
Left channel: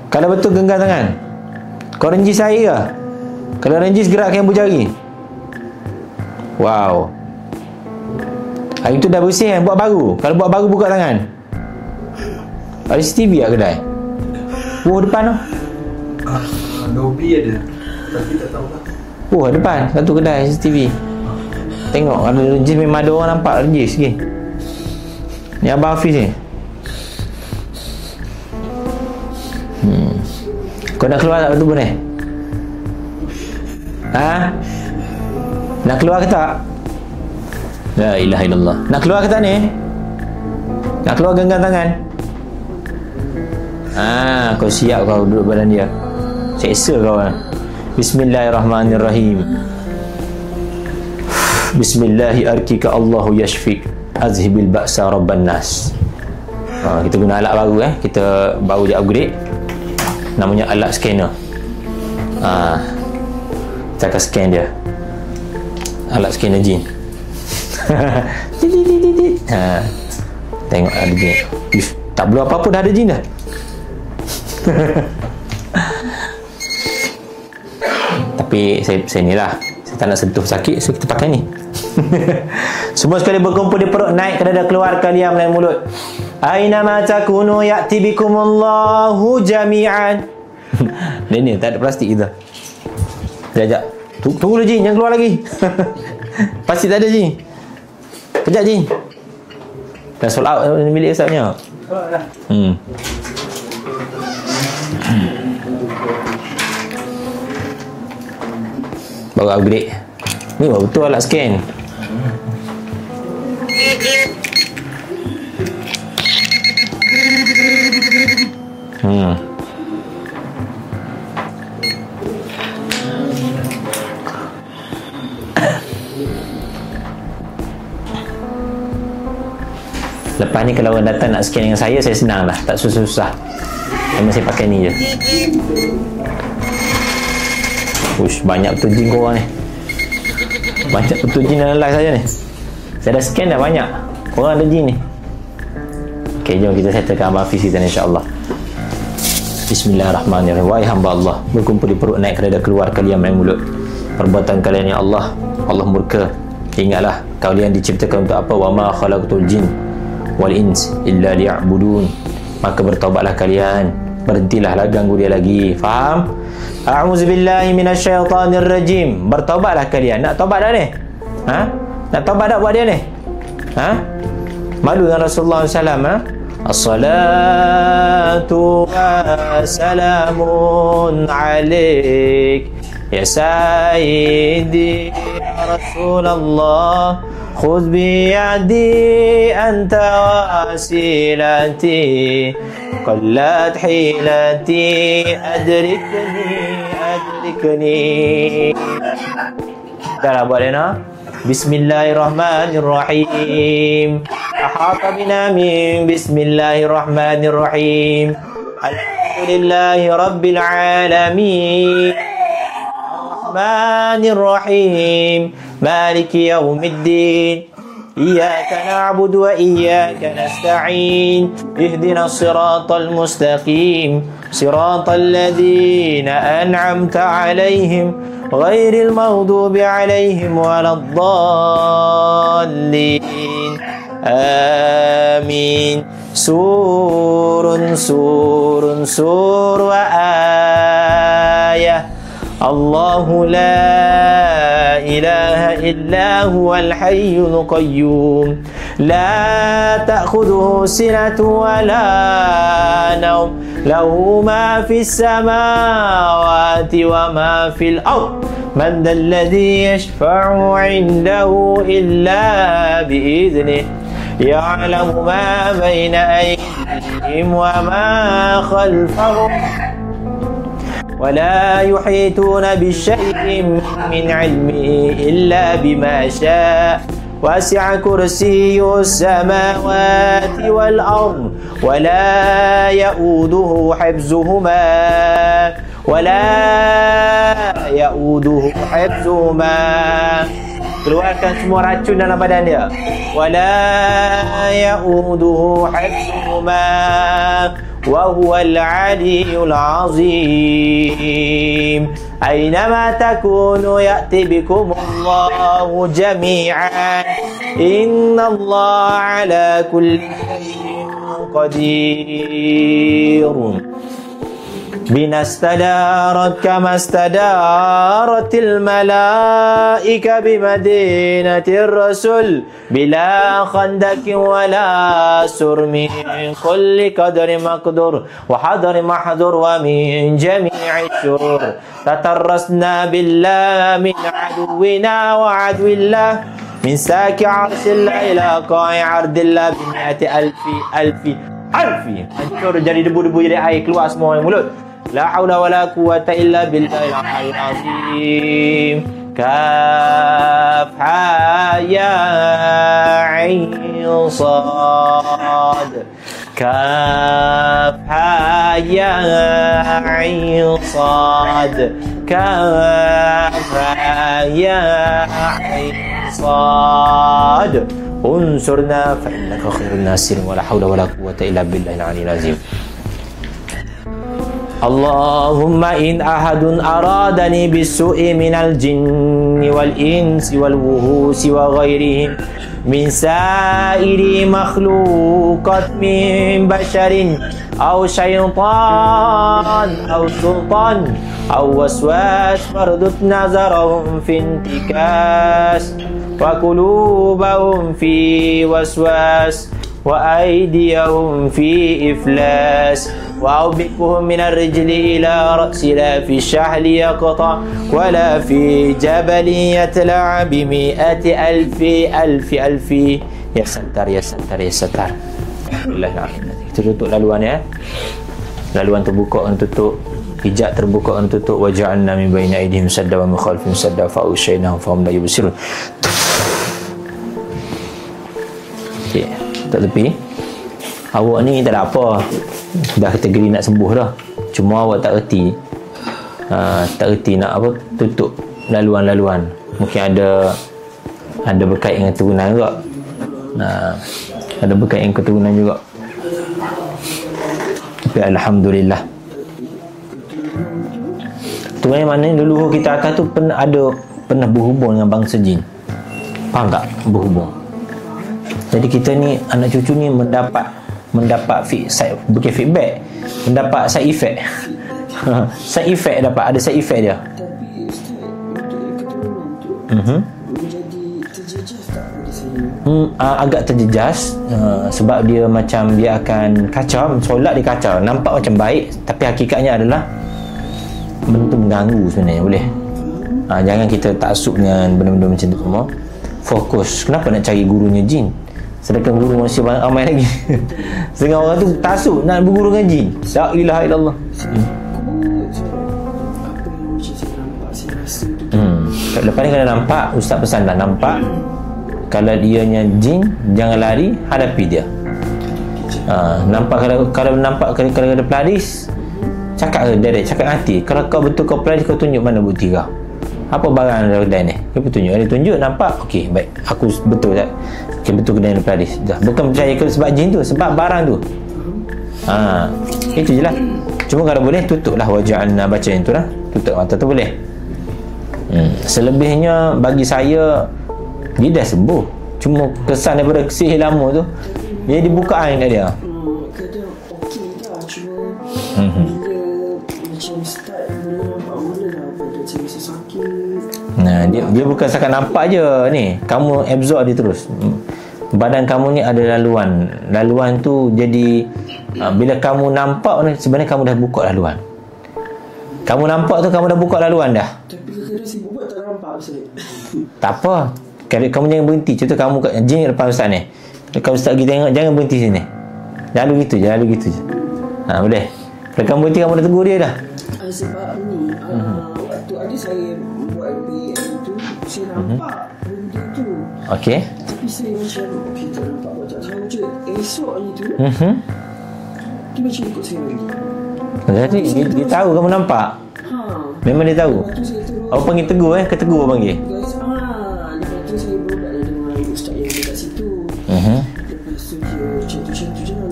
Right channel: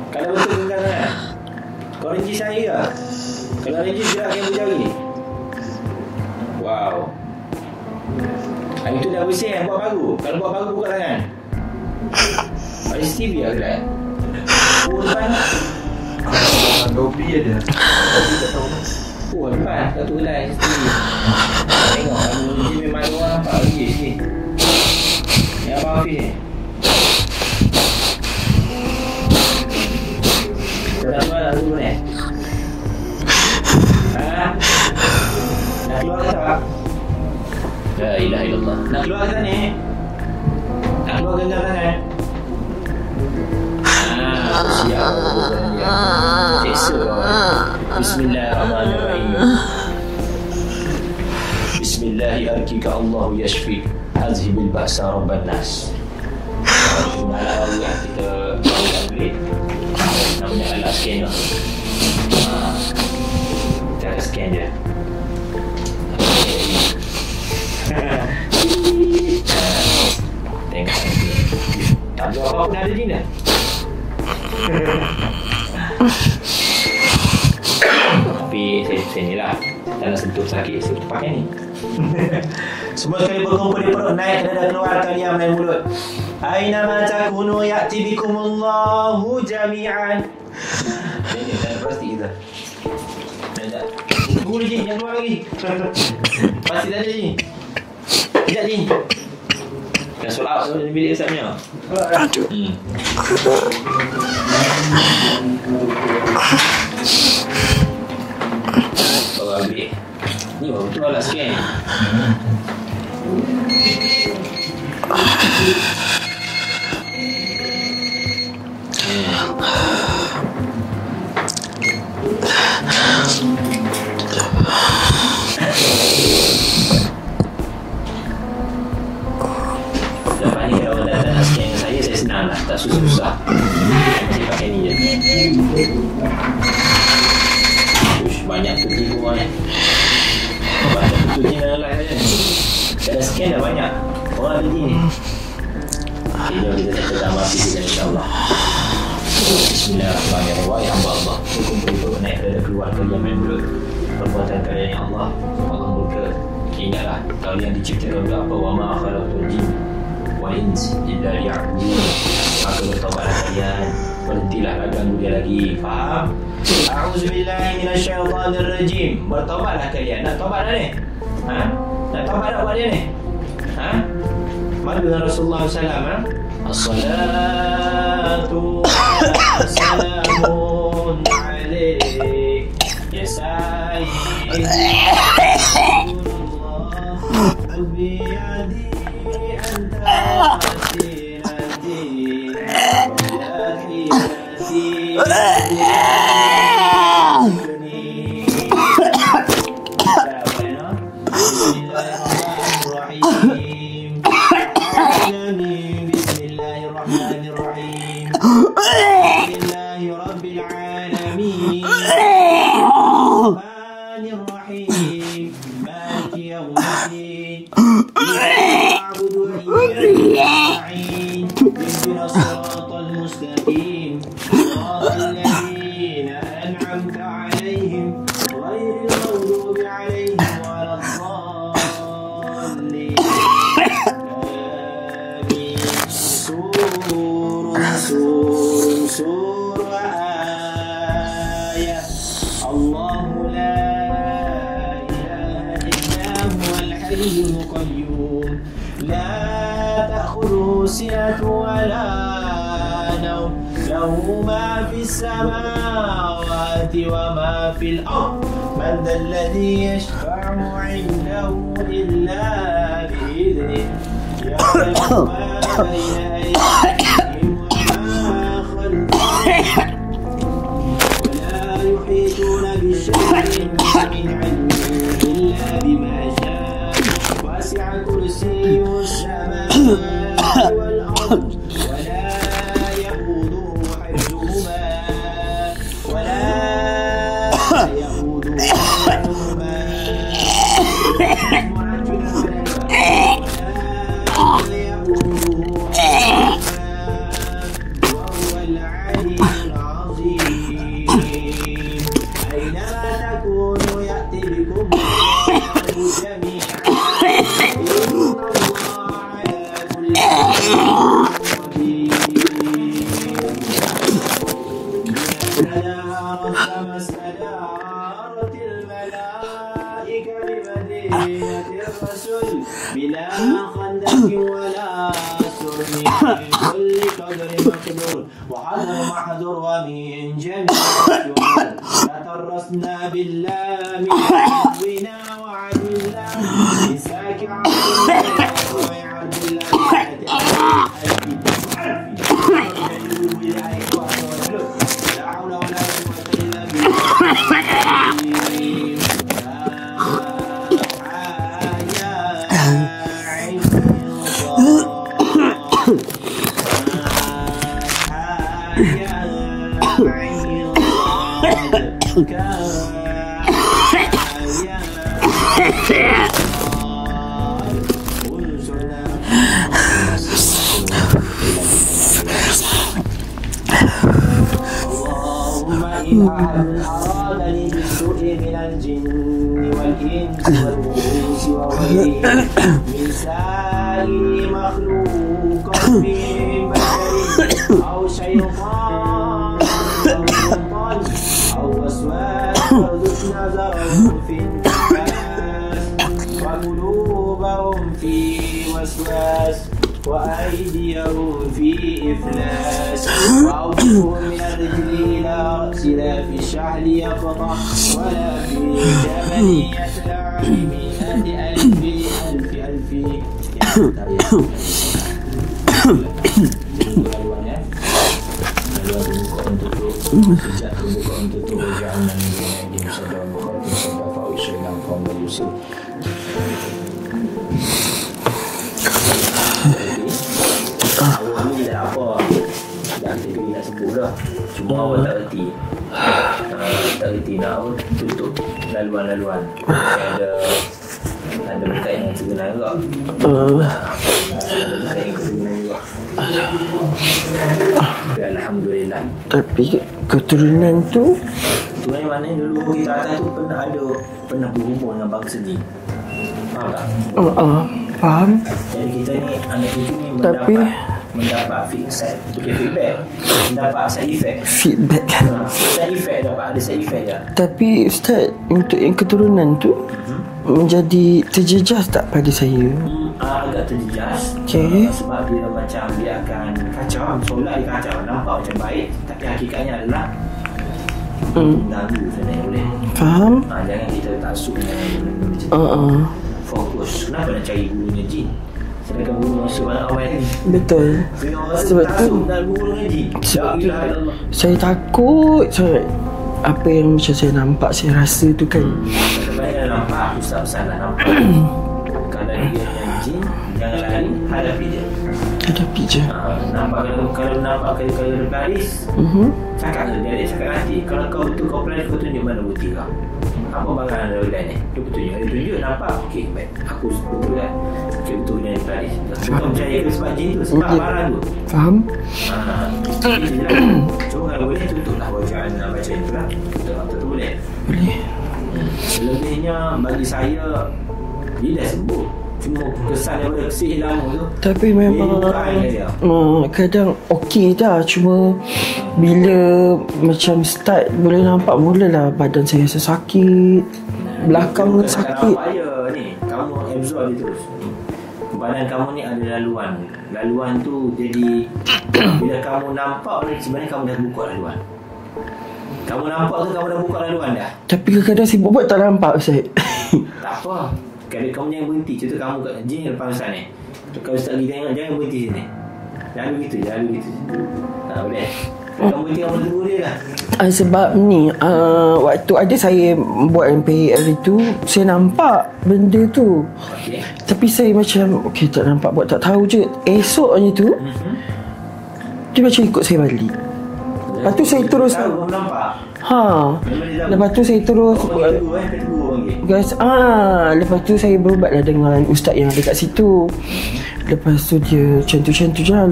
Kalau betul genggam tangan. Kau renjis air ke? Kalau renjis gerakkan ibu jari. Wow. Hari tu dah bersih kan? Buat baru. Kalau buat baru buka tangan. Ada CCTV lah kedai. Depan tu. Dobi ada. Depan satu kedai CCTV. Tengok ambil renjis memang ada orang nampak renjis sikit. Ni Abang Hafiz ni. Kau nak keluar tak dulu ni? Ha? Nak keluar ke tak? La ilaha illallah. Nak keluar ke tak ni? Nak keluar genggam tangan? Kau siap kau buat badan dia. Seksa kau kan? Bismillahirrahmanirrahim. Bismillahi arkika Allahu yashfik azhibil ba'sa rabban nas. Kita guna alat baru kita baru dia upgrade. Namanya alat scanner. Kita akan scan dia. Alat scanner jin. Tengok ada jin. Tak perlu apa-apa dah ada jin dah. Tapi saya ni lah, saya tak nak sentuh sakit, so kita pakai ni. Semua sekali berkumpul di perut, naik kada keluar kalian melalui mulut. Aina ma takunu ya'ti bikumullahu jami'an. Ni tak ada plastik kita. Sekejap. Tunggu dulu Jin, jangan keluar lagi. Plastik tak ada Jin. Sekejap Jin. Dah sold out milik Ustaznya. Baru upgrade. Ni betul alat scan. Lepas ni kalau orang datang nak scan dengan saya senang lah, tak susah-susah. Memang saya pakai ni je. Ush, banyak betul jin korang ni. Banyak betul jin dalam live saja ni. Saya dah scan dah banyak. Korang ada jin ni. Ok, jom kita settlekan Abang Hafiz kita ni insyaAllah. Bismillahirrahmanirrahim. Wahai hamba Allah, berkumpul di perut, naik kerana keluar kalian main mulut. Perbuatan kalian ya Allah, Allah murka. Ingatlah kalian diciptakan untuk apa? Wa ma khalaqtul jin wal ins illa liya'budun. Maka bertaubatlah kalian, berhentilah ganggu dia lagi. Faham? A'udzubillahi minasyaitanir rajim. Bertaubatlah kalian. Nak taubat dah ni? Ha? Nak taubat dah buat dia ni? Ha? Malu dengan Rasulullah SAW. As-salatu wassalamun alaik ya sayyidi Rasulullah, khudh biyadi anta wasilati qallat hilati adrikni. Cara buat dia nak? Bismillahirrahmanirrahim. Ahata bina min Bismillahirrahmanirrahim. Alhamdulillahi Rabbil Alamin. Rahmanirrahim. Maliki yawmiddin. Iyyaka na'budu wa iyyaka nasta'in. Ihdinas siratal mustaqim. Siratal ladzina an'amta 'alaihim ghairil maghdubi 'alaihim waladdallin. Amin. Sur wa ayah. Allahu la ilaha illa huwal hayyul qayyum. La ta'khudhuhu sinatun wa la nawm. Lahu ma fis samawati wa ma fil ard. Man dhal ladhi yashfa'u 'indahu illa bi'idhnihi. يعلم ما بين أيديهم وما خلفهم ولا يحيطون بشيء من علمه إلا بما شاء وسع كرسي السماوات والأرض ولا يؤوده حفظهما keluarkan semua racun dalam badan dia. Wala ya'uduhu hifdhuhuma wa huwal 'aliyyul 'azim. Aynama takunu ya'ti bikumullahu jami'an. Innallaha 'ala kulli shay'in qadir. بما استدارت كما استدارت الملائكة بمدينة الرسول بلا خندق ولا سر من كل قدر مقدور وحضر محضور ومن جميع الشرور تترسنا بالله من عدونا وعدو الله من ساك عرض الله إلى قاع عرض الله بمئة ألف jadi debu-debu jadi air keluar semua dari mulut. La haula wala quwwata illa billahil azim. Kaf ha ya ain sad. Kaf ha ya ain sad. Kaf ha ya ain sad. انصرنا فنصر ولا حول ولا قوة إلا بالله العلي العظيم. اللهم إن أحد أرادني بالسوء من الجن والإنس والوحوش وغيرهم من سائر مخلوقات من بشر أو شيطان أو سلطان أو وسواس فاردد نظرهم في انتكاس وقلوبهم في وسواس وأيديهم في إفلاس وأوقفهم من الرجل إلى رأس لا في الشحل يقطع ولا في جبل يتلع بمئة ألف يا ستار يا ستار يا ستار. Kita tutup laluan ya. Laluan terbuka orang tutup, hijab terbuka orang tutup. Wa ja'alna min baini aydihim sadda wa min khalfihim sadda fa ushayna fa hum la yubsirun. Tak tepi. Awak ni tak ada apa, dah kategori nak sembuh dah, cuma awak tak erti. Tak erti nak apa, tutup laluan-laluan. Mungkin ada berkait dengan keturunan juga. Ada berkait dengan keturunan juga. Tapi Alhamdulillah. Tapi keturunan tu mana dulu kita akan tu pernah berhubung dengan bangsa jin. Faham tak? Faham. Jadi kita ni anak cucu ni mendapat feedback, mendapat side effect. Side effect dapat, ada side effect dia. Tapi Ustaz, untuk yang keturunan tu menjadi terjejas tak pada saya? Agak terjejas. Sebab dia macam dia akan kacau, solat dia kacau, nampak macam baik tapi hakikatnya adalah mengganggu sebenarnya. Boleh faham? Jangan kita taksubnya benda-benda macam tu. Fokus. Kenapa nak cari gurunya jin sedangkan guru masih banyak ramai lagi? Betul. Setengah orang tu taksub nak berguru dengan jin. La ilaha illallah. Saya takut apa yang macam saya nampak, saya rasa tu kan. Lepas ni kalau nampak, Ustaz pesan dah nampak. Kalau dia nya jin, jangan lari, hadapi dia. Hadapi je. Nampak kalau nampak kalau ada peladis, cakap tu direct, cakap hati. Kalau kau betul kau peladis, kau tunjuk mana bukti kau. Apa barang dalam kedai ni? Dia tunjuk. Dia tunjuk, nampak. Okey, baik. Aku betul tak? Okey, betul kedai ni peladis. Bukan percaya ke sebab jin tu, sebab barang tu. Faham? Itu je lah. Cuma kalau boleh, tutuplah waja'alna, baca yang tu lah. Tutup mata tu boleh? Boleh. Selebihnya, bagi saya, dia dah sembuh. Cuma kesan daripada sihir lama tu, tapi memang jadi bukaan kat dia. Kadang okey dah, cuma bila macam start boleh nampak mulalah badan saya rasa sakit. Dia bukan sakat nampak je ni, kamu absorb dia terus. Badan kamu ni ada laluan. Laluan tu jadi bila kamu nampak sebenarnya kamu dah buka laluan. Kamu nampak tu kamu dah buka laluan dah. Tapi kadang-kadang sibuk buat tak nampak Ustaz. Tak apa. Kamu jangan berhenti. Contoh kamu kat jin depan Ustaz ni, kalau Ustaz pergi tengok, jangan berhenti sini. Lalu gitu je. Boleh. Kalau kamu berhenti, kamu dah tegur dia dah. Sebab ni waktu ada saya buat MPL itu, saya nampak benda tu. Okey. Tapi saya macam tak nampak, buat tak tahu je. Esoknya tu dia macam ikut saya balik. Lepas tu saya terus tahu kamu nampak. Memang dia tahu. Lepas tu saya terus Awak panggil tegur ketegur panggil. Guys, lepas tu saya berubatlah dengan ustaz yang ada kat situ. Lepas tu dia macam tu je.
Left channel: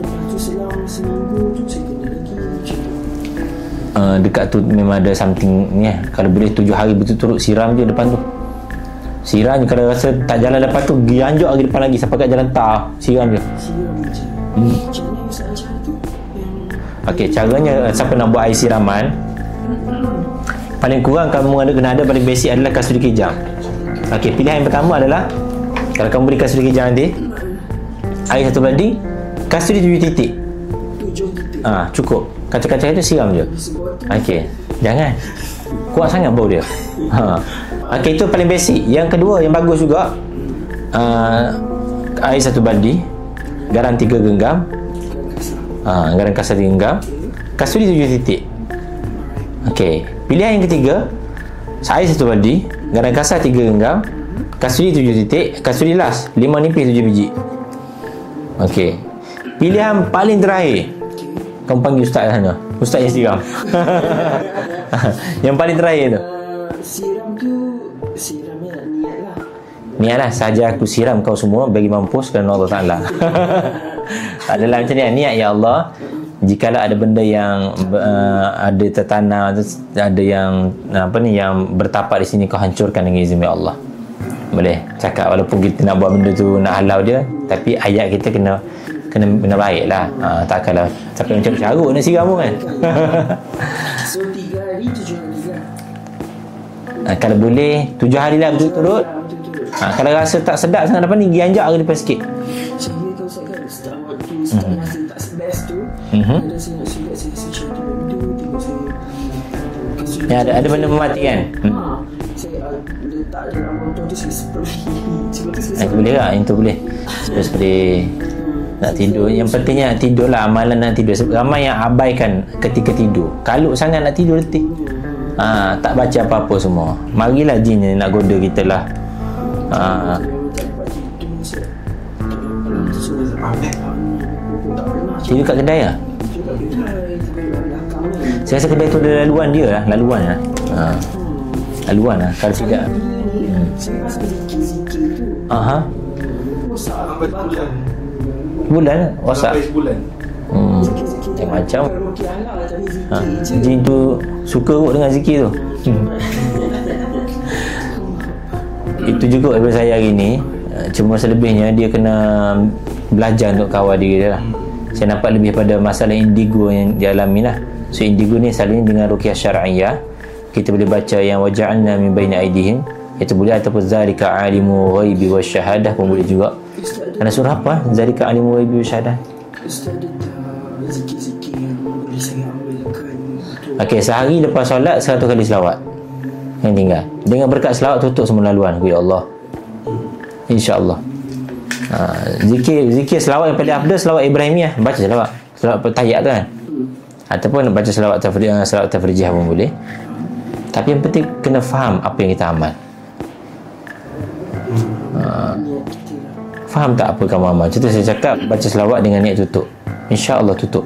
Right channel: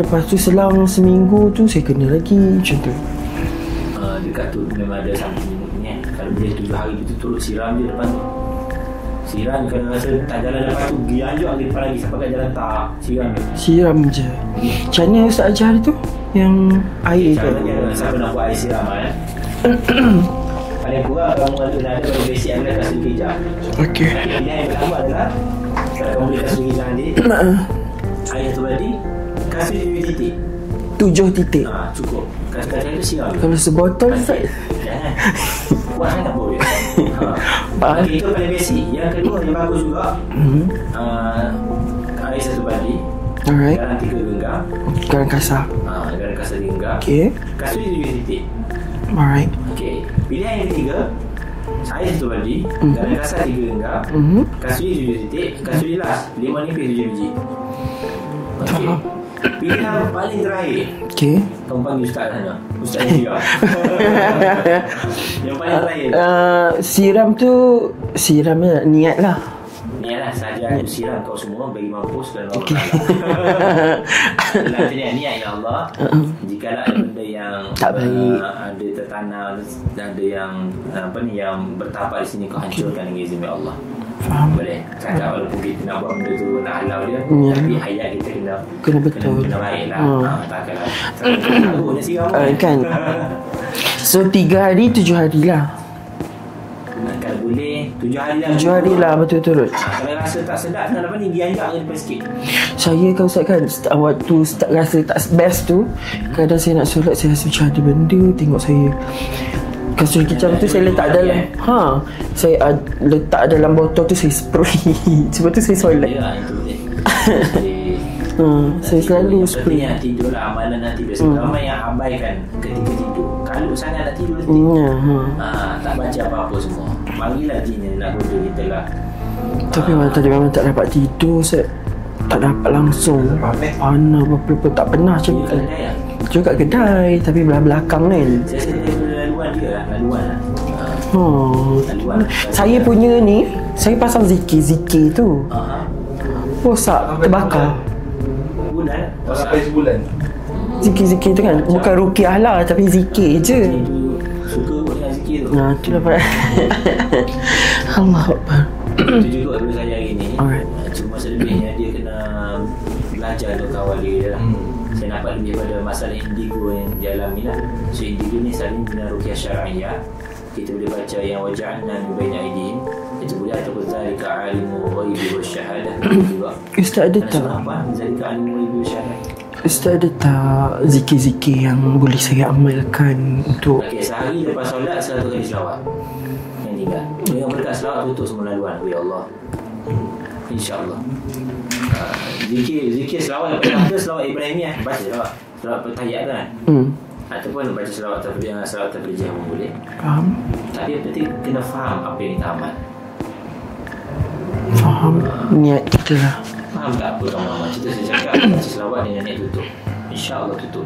Lepas tu selang seminggu tu saya kena lagi macam tu. Dekat tu memang ada something ni. Kalau boleh 7 hari berturut-turut siram je depan tu. Siram je. Kalau rasa tak jalan depan tu, gianjok lagi depan lagi sampai kat jalan tar. Siram je. Siram je. Macam mana ustaz ajar tu? Yang Okey, caranya siapa nak buat air siraman, paling kurang kamu kena ada paling basic adalah kasut kejang. Okey, pilihan yang pertama adalah kalau kamu beli kasut kejang nanti air 1 baldi, kasut 7 titik. 7 titik. Cukup. Kaca-kaca itu siram je. Kalau sebotol okey. Jangan. Kuat sangat bau dia. Okey, itu paling basic. Yang kedua yang bagus juga. Air 1 baldi. Garam 3 genggam. Garam kasar. Garam kasar 3 genggam. Okey. Kasut 7 titik. Alright. Okey. Pilihan yang ketiga, air 1 baldi, garam kasar 3 genggam, kasut 7 titik, kasut las 5 nipis 7 biji. Okey. Pilihan paling terakhir. Okey. Kamu panggil ustaz sana. Ustaz yang siram. Yang paling terakhir tu. Siramnya niat lah. Niatlah saja aku siram kau semua bagi mampus kerana Allah Ta'ala. Adalah macam ni, niat ya Allah. Jikalau ada benda yang ada tertanam, ada yang yang bertapak di sini, kau hancurkan dengan izin ya Allah. Boleh cakap walaupun kita nak buat benda tu nak halau dia, tapi ayat kita kena baik lah. Takkanlah takkan kena carut nak siram kan. So 3 hari 7 hari lah. Kalau boleh 7 hari lah betul-betul. Kalau rasa tak sedap sangat apa ni, gianjak lagi depan sikit. Saya kan ustaz kan waktu start rasa tak best tu, kadang saya nak solat saya rasa macam ada benda tengok saya. Kasut kicap tu saya letak dalam saya letak dalam botol tu, saya spray. Sebab tu saya solat. Boleh lah, itu boleh. Nak tidur. Yang pentingnya tidur lah, amalan nak tidur. Sebab ramai yang abaikan ketika tidur. Kalut sangat nak tidur letih. Tak baca apa-apa semua. Marilah jin yang nak goda kita lah. Tapi memang tak dapat tidur, Ustaz. Tak dapat langsung. Mana apa-apa tak pernah. Tidur kat kedai lah? Tidur kat kedai, tapi belakang ni. Saya rasa kedai tu ada laluan dia lah. Laluan lah. Saya punya ni, saya pasang zikir tu. Rosak, terbakar. Bulan lah? Rosak? Bulan. Zikir-zikir tu kan. Bukan rukiah lah, tapi zikir je. Jin tu suka kot dengan zikir tu. Tu dapat. Allah Akbar. Itu juga daripada saya hari ni. Cuma selebihnya dia kena belajar untuk kawal diri dia lah. Saya nampak lebih pada masalah indigo yang dialami lah. So indigo ni selalunya dengan ruqyah syar'iyah. Kita boleh baca yang waja'alna min baini aidihim, itu boleh, ataupun zalika alimu ghaibi wasyahadah pun boleh juga. Ustaz ada surah apa? Zalika alimu ghaibi wasyahadah. Ustaz ada tak zikir-zikir yang boleh saya amalkan untuk sehari lepas solat 100 kali selawat yang tinggal. Dengan berkat selawat tutup semua laluan. Ya Allah, InsyaAllah. Zikir selawat yang paling afdal selawat Ibrahimiyah. Baca selawat tahiyat tu kan. Ataupun baca selawat tafrijah pun boleh. Faham. Tapi yang penting kena faham apa yang kita amal. Faham niat kita lah. Faham tak apa kamu amal? Contoh saya cakap baca selawat dengan niat tutup, InsyaAllah tutup.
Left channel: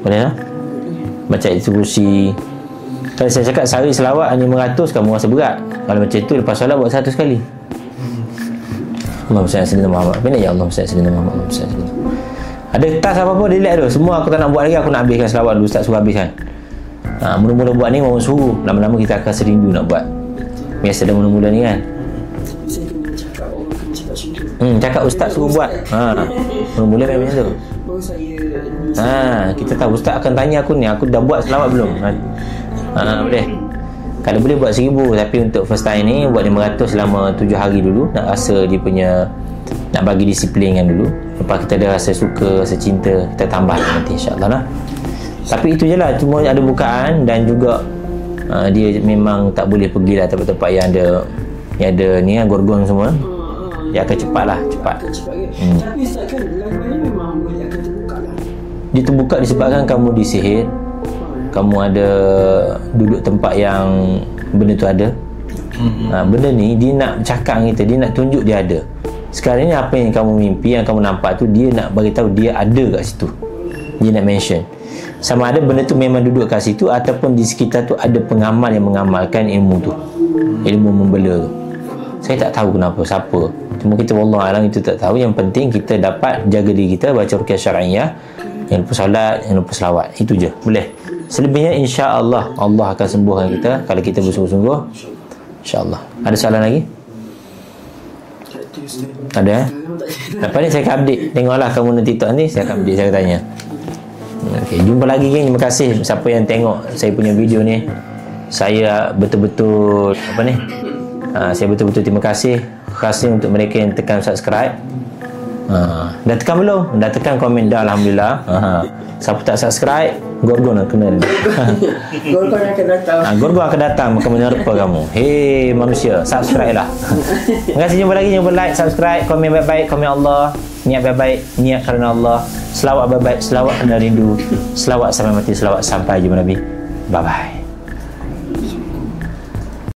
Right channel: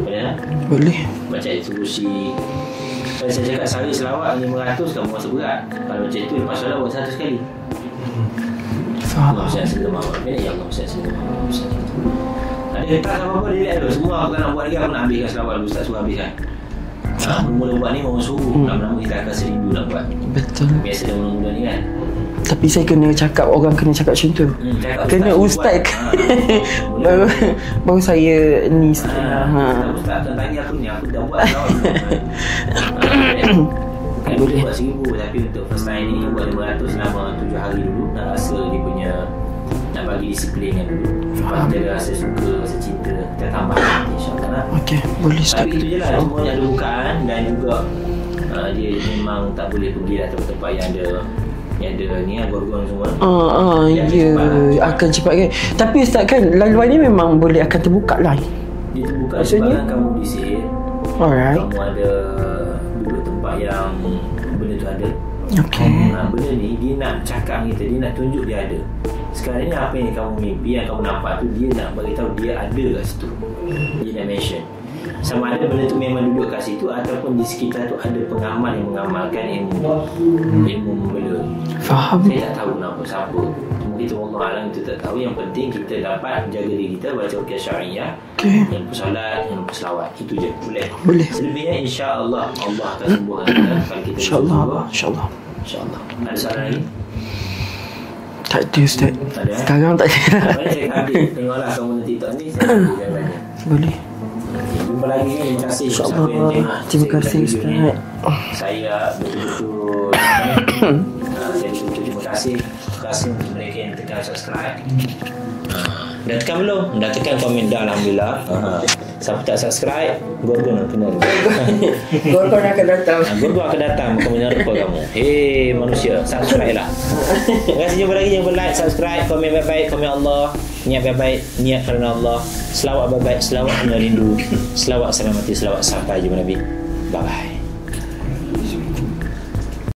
Boleh tak? Boleh. Baca itu kursi. Kalau saya cakap sehari selawat hanya 500, kamu rasa berat. Kalau macam itu lepas solat buat 100 kali. Allahumma salli ala Muhammad. Bila ya Allah salli ala Muhammad. Ada tas apa-apa delete tu. Semua aku tak nak buat lagi, aku nak habiskan selawat dulu. Ustaz suruh habiskan. Mula-mula buat ni orang suruh. Lama-lama kita akan serindu nak buat. Betul. Biasa dah mula-mula ni kan. Tapi saya kena cakap, orang kena cakap macam tu. Cakap ustaz suruh buat. Mula-mula baru saya ni. Kita tahu ustaz akan tanya aku ni, aku dah buat selawat belum? Boleh. Kalau boleh buat 1000, tapi untuk first time ni buat 500 selama 7 hari dulu. Nak rasa dia punya, nak bagi disiplin kan dulu. Lepas kita ada rasa suka, rasa cinta, kita tambah nanti insyaAllah lah. Boleh. Tapi itu je lah, cuma ada bukaan. Dan juga dia memang tak boleh pergi lah tempat-tempat yang ada ni lah, gorgon semua. Dia akan cepat lah. Akan cepat kan. Tapi Ustaz kan, laluan ni memang boleh akan terbuka lah. Dia terbuka disebabkan kamu disihir. Alright. Kamu ada duduk tempat yang benda tu ada. Okay. Benda ni dia nak cakap dengan kita, dia nak tunjuk dia ada. Sekarang ni apa yang kamu mimpi, yang kamu nampak tu, dia nak bagi tahu dia ada kat situ. Dia nak mention. Sama ada benda tu memang duduk kat situ ataupun di sekitar tu ada pengamal yang mengamalkan ilmu tu. Ilmu membela tu. Faham. Saya tak tahu kenapa, siapa. Cuma kita wallahu alam, itu tak tahu. Yang penting kita dapat jaga diri kita, baca ruqyah syar'iyah, jangan lupa solat, jangan lupa selawat. Itu je. Boleh? Boleh. Selebihnya insya-Allah Allah akan sembuhkan kita kalau kita bersungguh-sungguh. InsyaAllah. InsyaAllah. Ada soalan lagi? Tak ada, Ustaz. Tak ada? Sekarang tak ada. Lepas ni saya akan update. Tengoklah kamu nanti TikTok ni, saya akan update, saya akan tanya. Boleh. Okay, jumpa lagi kan. Terima kasih siapa yang tengok saya punya video ni. Saya betul-betul apa ni? Saya betul-betul terima kasih. Terima kasih untuk mereka yang tekan subscribe. Dah tekan belum? Dah tekan komen dah, alhamdulillah. Siapa tak subscribe, Gorgon akan kena. Gorgon akan datang. Gorgon akan datang maka menerpa kamu. Hei manusia, subscribe lah. Terima kasih, jumpa lagi. Jangan lupa like, subscribe, komen baik-baik, komen Allah, niat baik-baik, niat kerana Allah, selawat baik-baik, selawat kerana rindu, selawat sampai mati, selawat sampai jumpa Nabi. Bye bye.